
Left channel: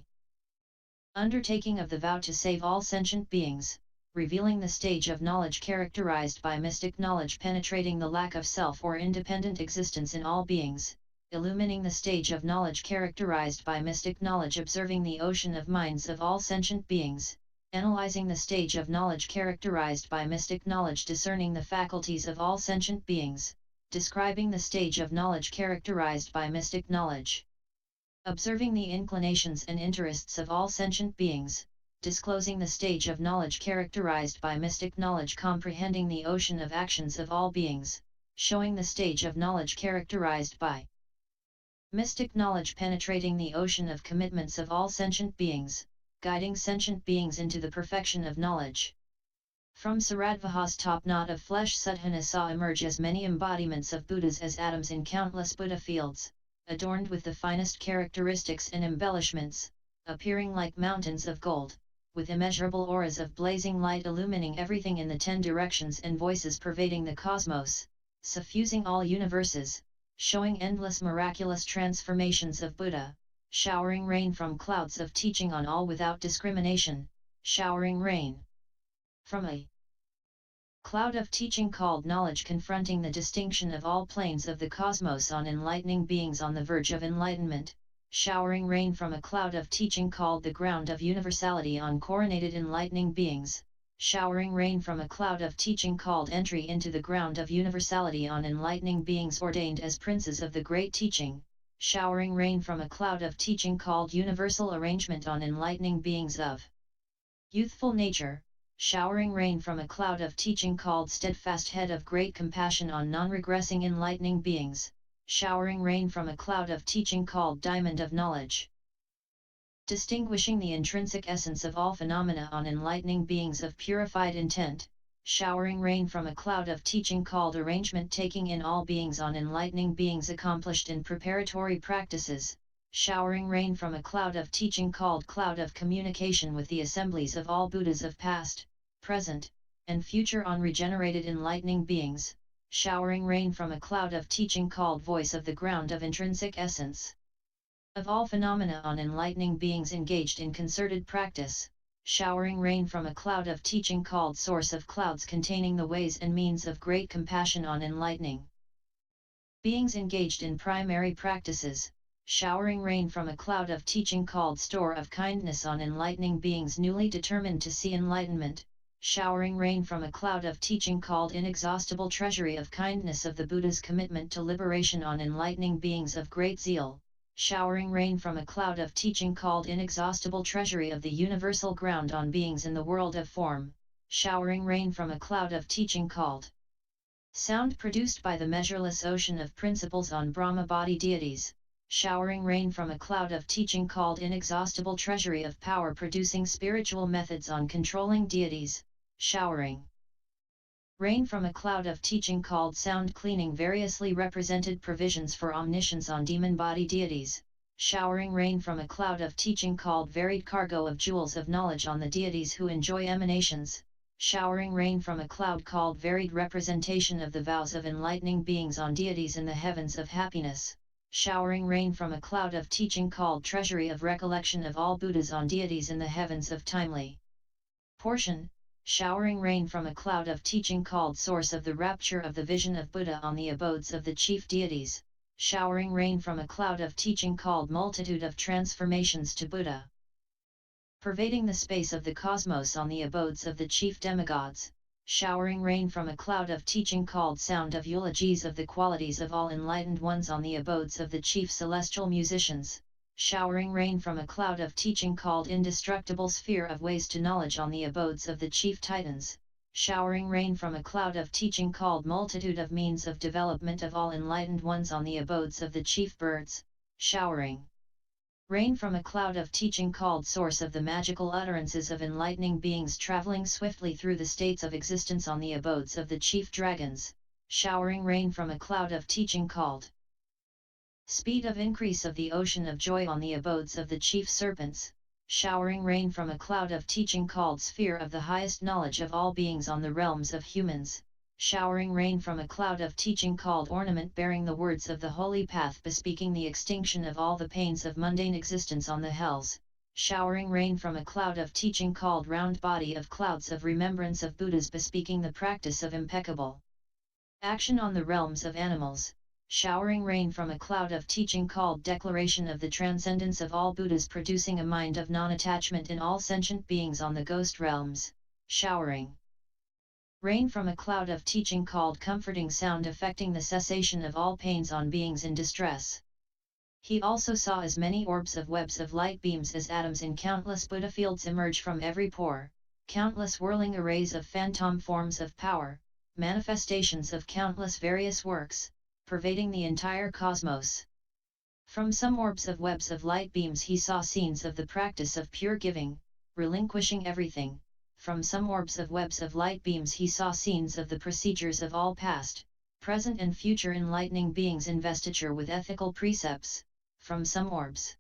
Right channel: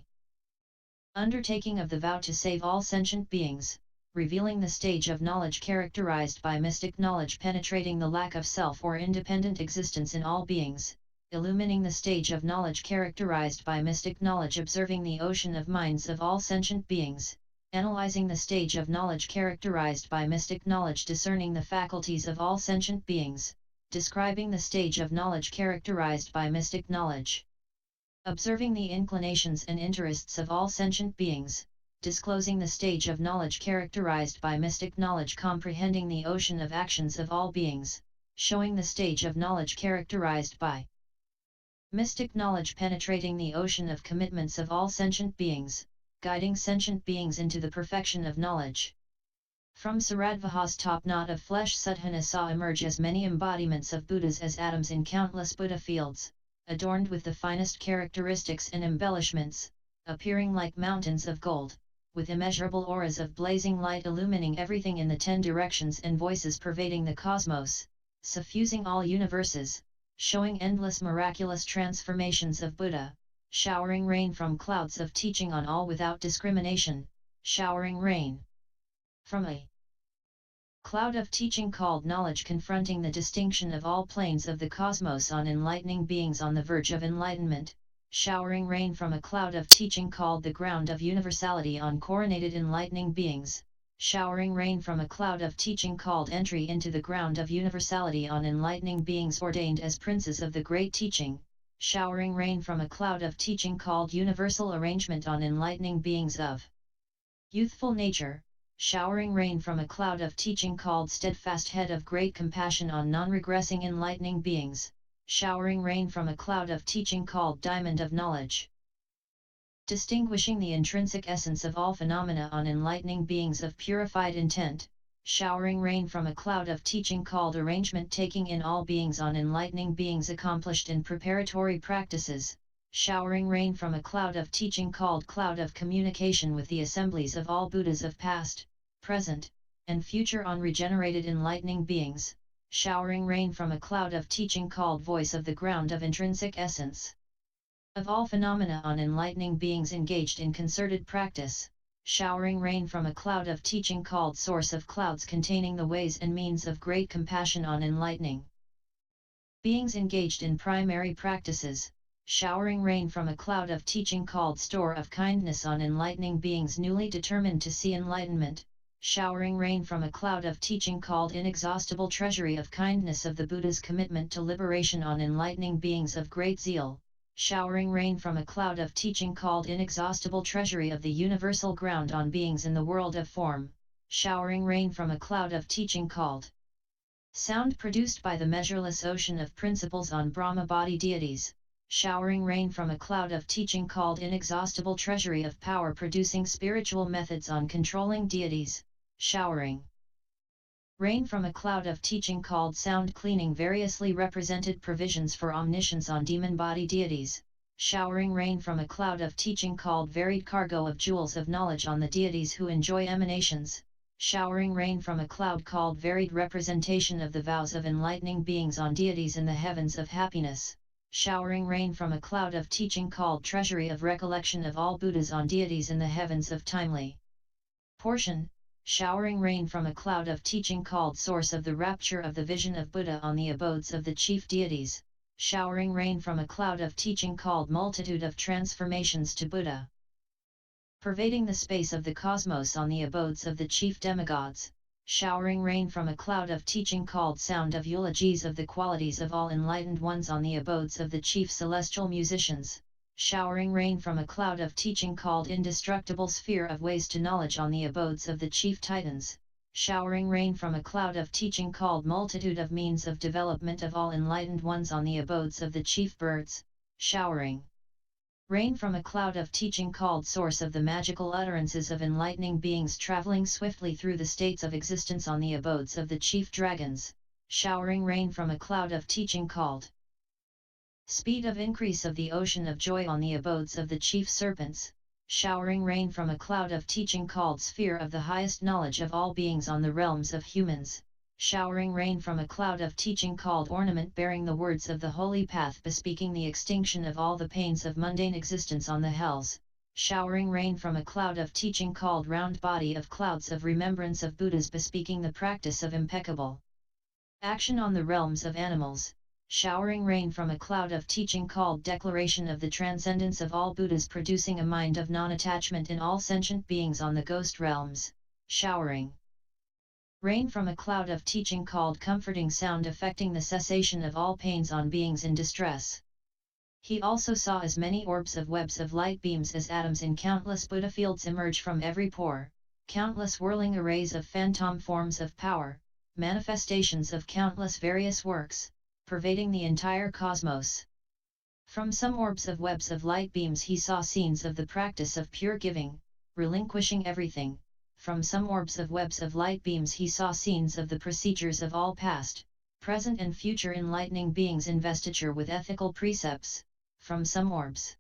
undertaking of the vow to save all sentient beings, revealing the stage of knowledge characterized by mystic knowledge penetrating the lack of self or independent existence in all beings, illumining the stage of knowledge characterized by mystic knowledge observing the ocean of minds of all sentient beings, analyzing the stage of knowledge characterized by mystic knowledge discerning the faculties of all sentient beings, describing the stage of knowledge characterized by mystic knowledge, observing the inclinations and interests of all sentient beings, disclosing the stage of knowledge characterized by mystic knowledge comprehending the ocean of actions of all beings, showing the stage of knowledge characterized by mystic knowledge penetrating the ocean of commitments of all sentient beings, guiding sentient beings into the perfection of knowledge. From Saradvaha's top knot of flesh Sudhana saw emerge as many embodiments of Buddhas as atoms in countless Buddha fields, adorned with the finest characteristics and embellishments, appearing like mountains of gold, with immeasurable auras of blazing light illumining everything in the 10 directions and voices pervading the cosmos, suffusing all universes, showing endless miraculous transformations of Buddha, showering rain from clouds of teaching on all without discrimination, showering rain from a cloud of teaching called knowledge confronting the distinction of all planes of the cosmos on enlightening beings on the verge of enlightenment, showering rain from a cloud of teaching called the ground of universality on coronated enlightening beings, showering rain from a cloud of teaching called entry into the ground of universality on enlightening beings ordained as princes of the great teaching, showering rain from a cloud of teaching called universal arrangement on enlightening beings of youthful nature, showering rain from a cloud of teaching called steadfast head of great compassion on non-regressing enlightening beings, showering rain from a cloud of teaching called diamond of knowledge, distinguishing the intrinsic essence of all phenomena on enlightening beings of purified intent, showering rain from a cloud of teaching called arrangement taking in all beings on enlightening beings accomplished in preparatory practices, showering rain from a cloud of teaching called cloud of communication with the assemblies of all Buddhas of past, present, and future on regenerated enlightening beings, showering rain from a cloud of teaching called voice of the ground of intrinsic essence of all phenomena on enlightening beings engaged in concerted practice, showering rain from a cloud of teaching called source of clouds containing the ways and means of great compassion on enlightening beings engaged in primary practices, showering rain from a cloud of teaching called store of kindness on enlightening beings newly determined to see enlightenment, showering rain from a cloud of teaching called inexhaustible treasury of kindness of the Buddha's commitment to liberation on enlightening beings of great zeal, showering rain from a cloud of teaching called inexhaustible treasury of the universal ground on beings in the world of form, showering rain from a cloud of teaching called sound produced by the measureless ocean of principles on Brahma body deities, showering rain from a cloud of teaching called inexhaustible treasury of power producing spiritual methods on controlling deities, showering rain from a cloud of teaching called sound cleaning variously represented provisions for omniscience on demon body deities, showering rain from a cloud of teaching called varied cargo of jewels of knowledge on the deities who enjoy emanations, showering rain from a cloud called varied representation of the vows of enlightening beings on deities in the heavens of happiness, showering rain from a cloud of teaching called treasury of recollection of all Buddhas on deities in the heavens of timely portion, showering rain from a cloud of teaching called source of the rapture of the vision of Buddha on the abodes of the chief deities, showering rain from a cloud of teaching called multitude of transformations to Buddha, pervading the space of the cosmos on the abodes of the chief demigods, showering rain from a cloud of teaching called sound of eulogies of the qualities of all enlightened ones on the abodes of the chief celestial musicians, showering rain from a cloud of teaching called indestructible sphere of ways to knowledge on the abodes of the chief titans, showering rain from a cloud of teaching called multitude of means of development of all enlightened ones on the abodes of the chief birds, showering rain from a cloud of teaching called source of the magical utterances of enlightening beings traveling swiftly through the states of existence on the abodes of the chief dragons, showering rain from a cloud of teaching called speed of increase of the ocean of joy on the abodes of the chief serpents, showering rain from a cloud of teaching called sphere of the highest knowledge of all beings on the realms of humans, showering rain from a cloud of teaching called ornament bearing the words of the holy path bespeaking the extinction of all the pains of mundane existence on the hells, showering rain from a cloud of teaching called round body of clouds of remembrance of Buddhas bespeaking the practice of impeccable action on the realms of animals, showering rain from a cloud of teaching called declaration of the transcendence of all Buddhas producing a mind of non-attachment in all sentient beings on the ghost realms, showering rain from a cloud of teaching called comforting sound affecting the cessation of all pains on beings in distress. He also saw as many orbs of webs of light beams as atoms in countless Buddha fields emerge from every pore, countless whirling arrays of phantom forms of power, manifestations of countless various works, pervading the entire cosmos. From some orbs of webs of light beams he saw scenes of the practice of pure giving, relinquishing everything. From some orbs of webs of light beams he saw scenes of the procedures of all past, present and future enlightening beings investiture with ethical precepts. From some orbs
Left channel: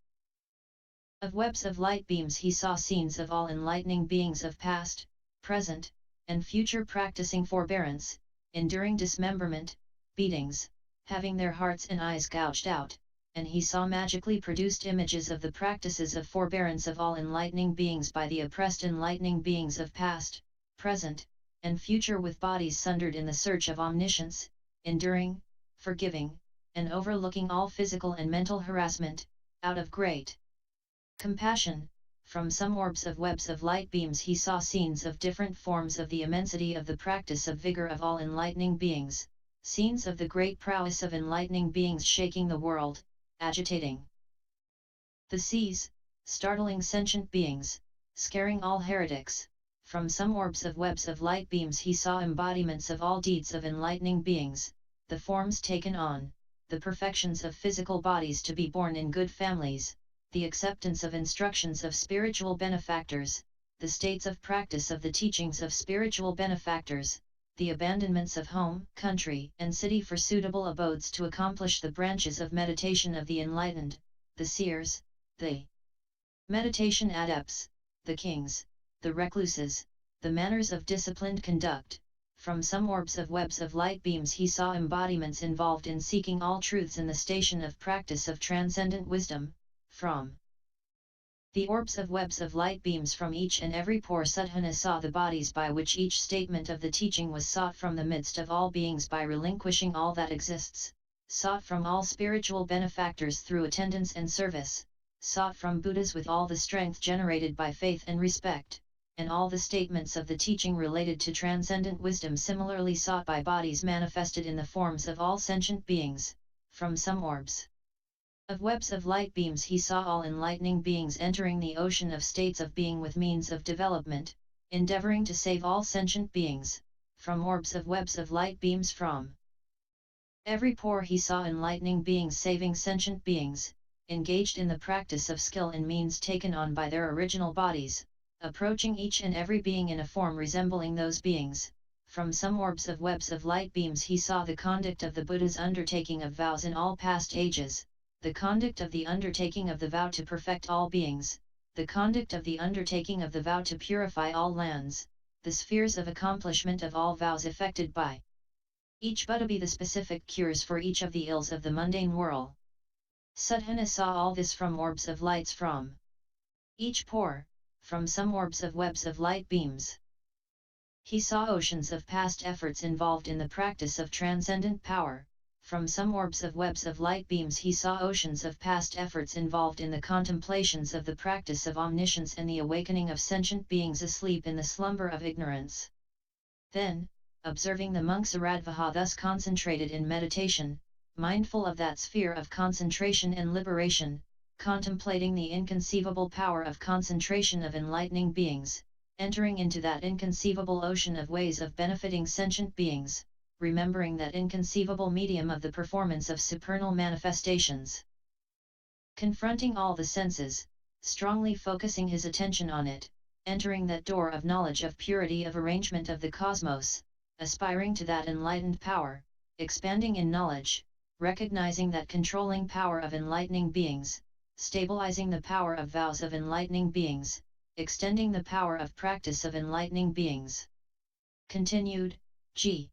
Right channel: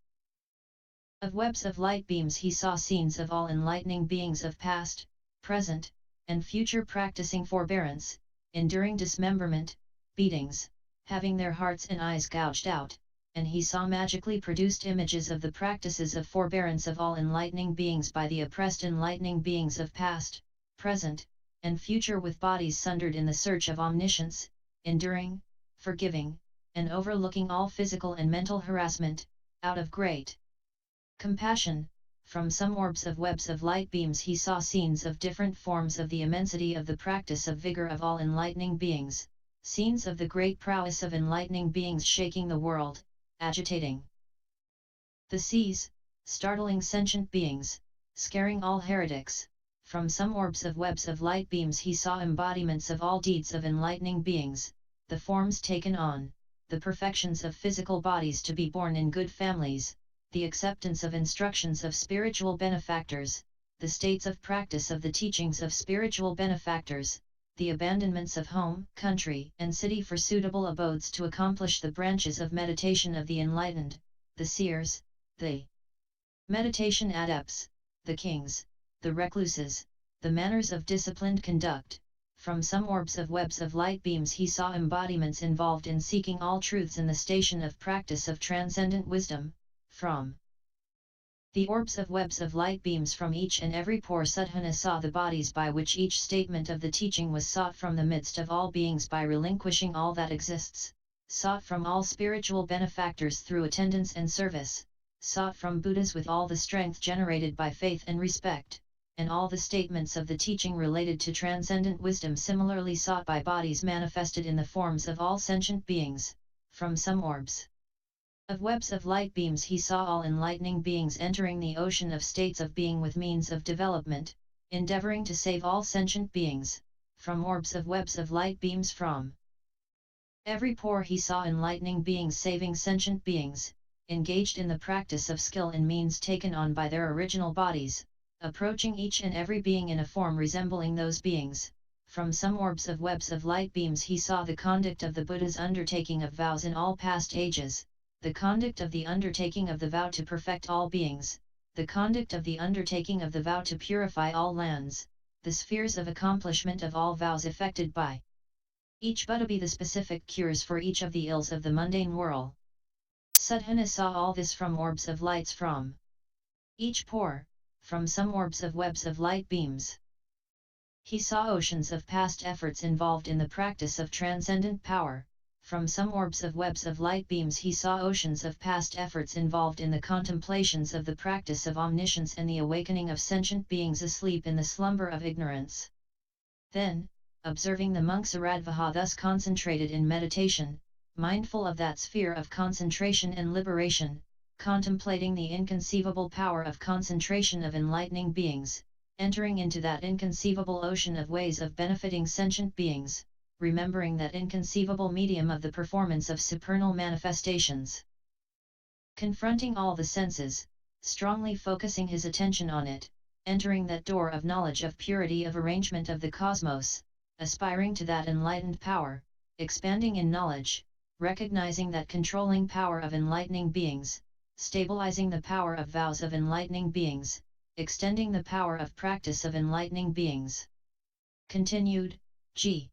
of webs of light beams he saw scenes of all enlightening beings of past, present, and future practicing forbearance, enduring dismemberment, beatings, having their hearts and eyes gouged out, and he saw magically produced images of the practices of forbearance of all enlightening beings by the oppressed enlightening beings of past, present, and future with bodies sundered in the search of omniscience, enduring, forgiving, and overlooking all physical and mental harassment, out of great compassion. From some orbs of webs of light beams he saw scenes of different forms of the immensity of the practice of vigor of all enlightening beings, scenes of the great prowess of enlightening beings shaking the world, agitating the seas, startling sentient beings, scaring all heretics. From some orbs of webs of light beams he saw embodiments of all deeds of enlightening beings, the forms taken on, the perfections of physical bodies to be born in good families, the acceptance of instructions of spiritual benefactors, the states of practice of the teachings of spiritual benefactors, the abandonments of home, country, and city for suitable abodes to accomplish the branches of meditation of the enlightened, the seers, the meditation adepts, the kings, the recluses, the manners of disciplined conduct. From some orbs of webs of light beams he saw embodiments involved in seeking all truths in the station of practice of transcendent wisdom. From the orbs of webs of light beams from each and every pore Sadhana saw the bodies by which each statement of the teaching was sought from the midst of all beings by relinquishing all that exists, sought from all spiritual benefactors through attendance and service, sought from Buddhas with all the strength generated by faith and respect, and all the statements of the teaching related to transcendent wisdom similarly sought by bodies manifested in the forms of all sentient beings. From some orbs of webs of light beams he saw all enlightening beings entering the ocean of states of being with means of development, endeavoring to save all sentient beings. From orbs of webs of light beams from every pore he saw enlightening beings saving sentient beings, engaged in the practice of skill and means taken on by their original bodies, approaching each and every being in a form resembling those beings. From some orbs of webs of light beams he saw the conduct of the Buddha's undertaking of vows in all past ages, the conduct of the undertaking of the vow to perfect all beings, the conduct of the undertaking of the vow to purify all lands, the spheres of accomplishment of all vows effected by each Buddha be the specific cures for each of the ills of the mundane world. Sadhana saw all this from orbs of lights from each pore, from some orbs of webs of light beams. He saw oceans of past efforts involved in the practice of transcendent power. From some orbs of webs of light beams he saw oceans of past efforts involved in the contemplations of the practice of omniscience and the awakening of sentient beings asleep in the slumber of ignorance. Then, observing the monks Aradvaha thus concentrated in meditation, mindful of that sphere of concentration and liberation, contemplating the inconceivable power of concentration of enlightening beings, entering into that inconceivable ocean of ways of benefiting sentient beings, remembering that inconceivable medium of the performance of supernal manifestations. Confronting all the senses, strongly focusing his attention on it, entering that door of knowledge of purity of arrangement of the cosmos, aspiring to that enlightened power, expanding in knowledge, recognizing that controlling power of enlightening beings, stabilizing the power of vows of enlightening beings, extending the power of practice of enlightening beings. Continued, G.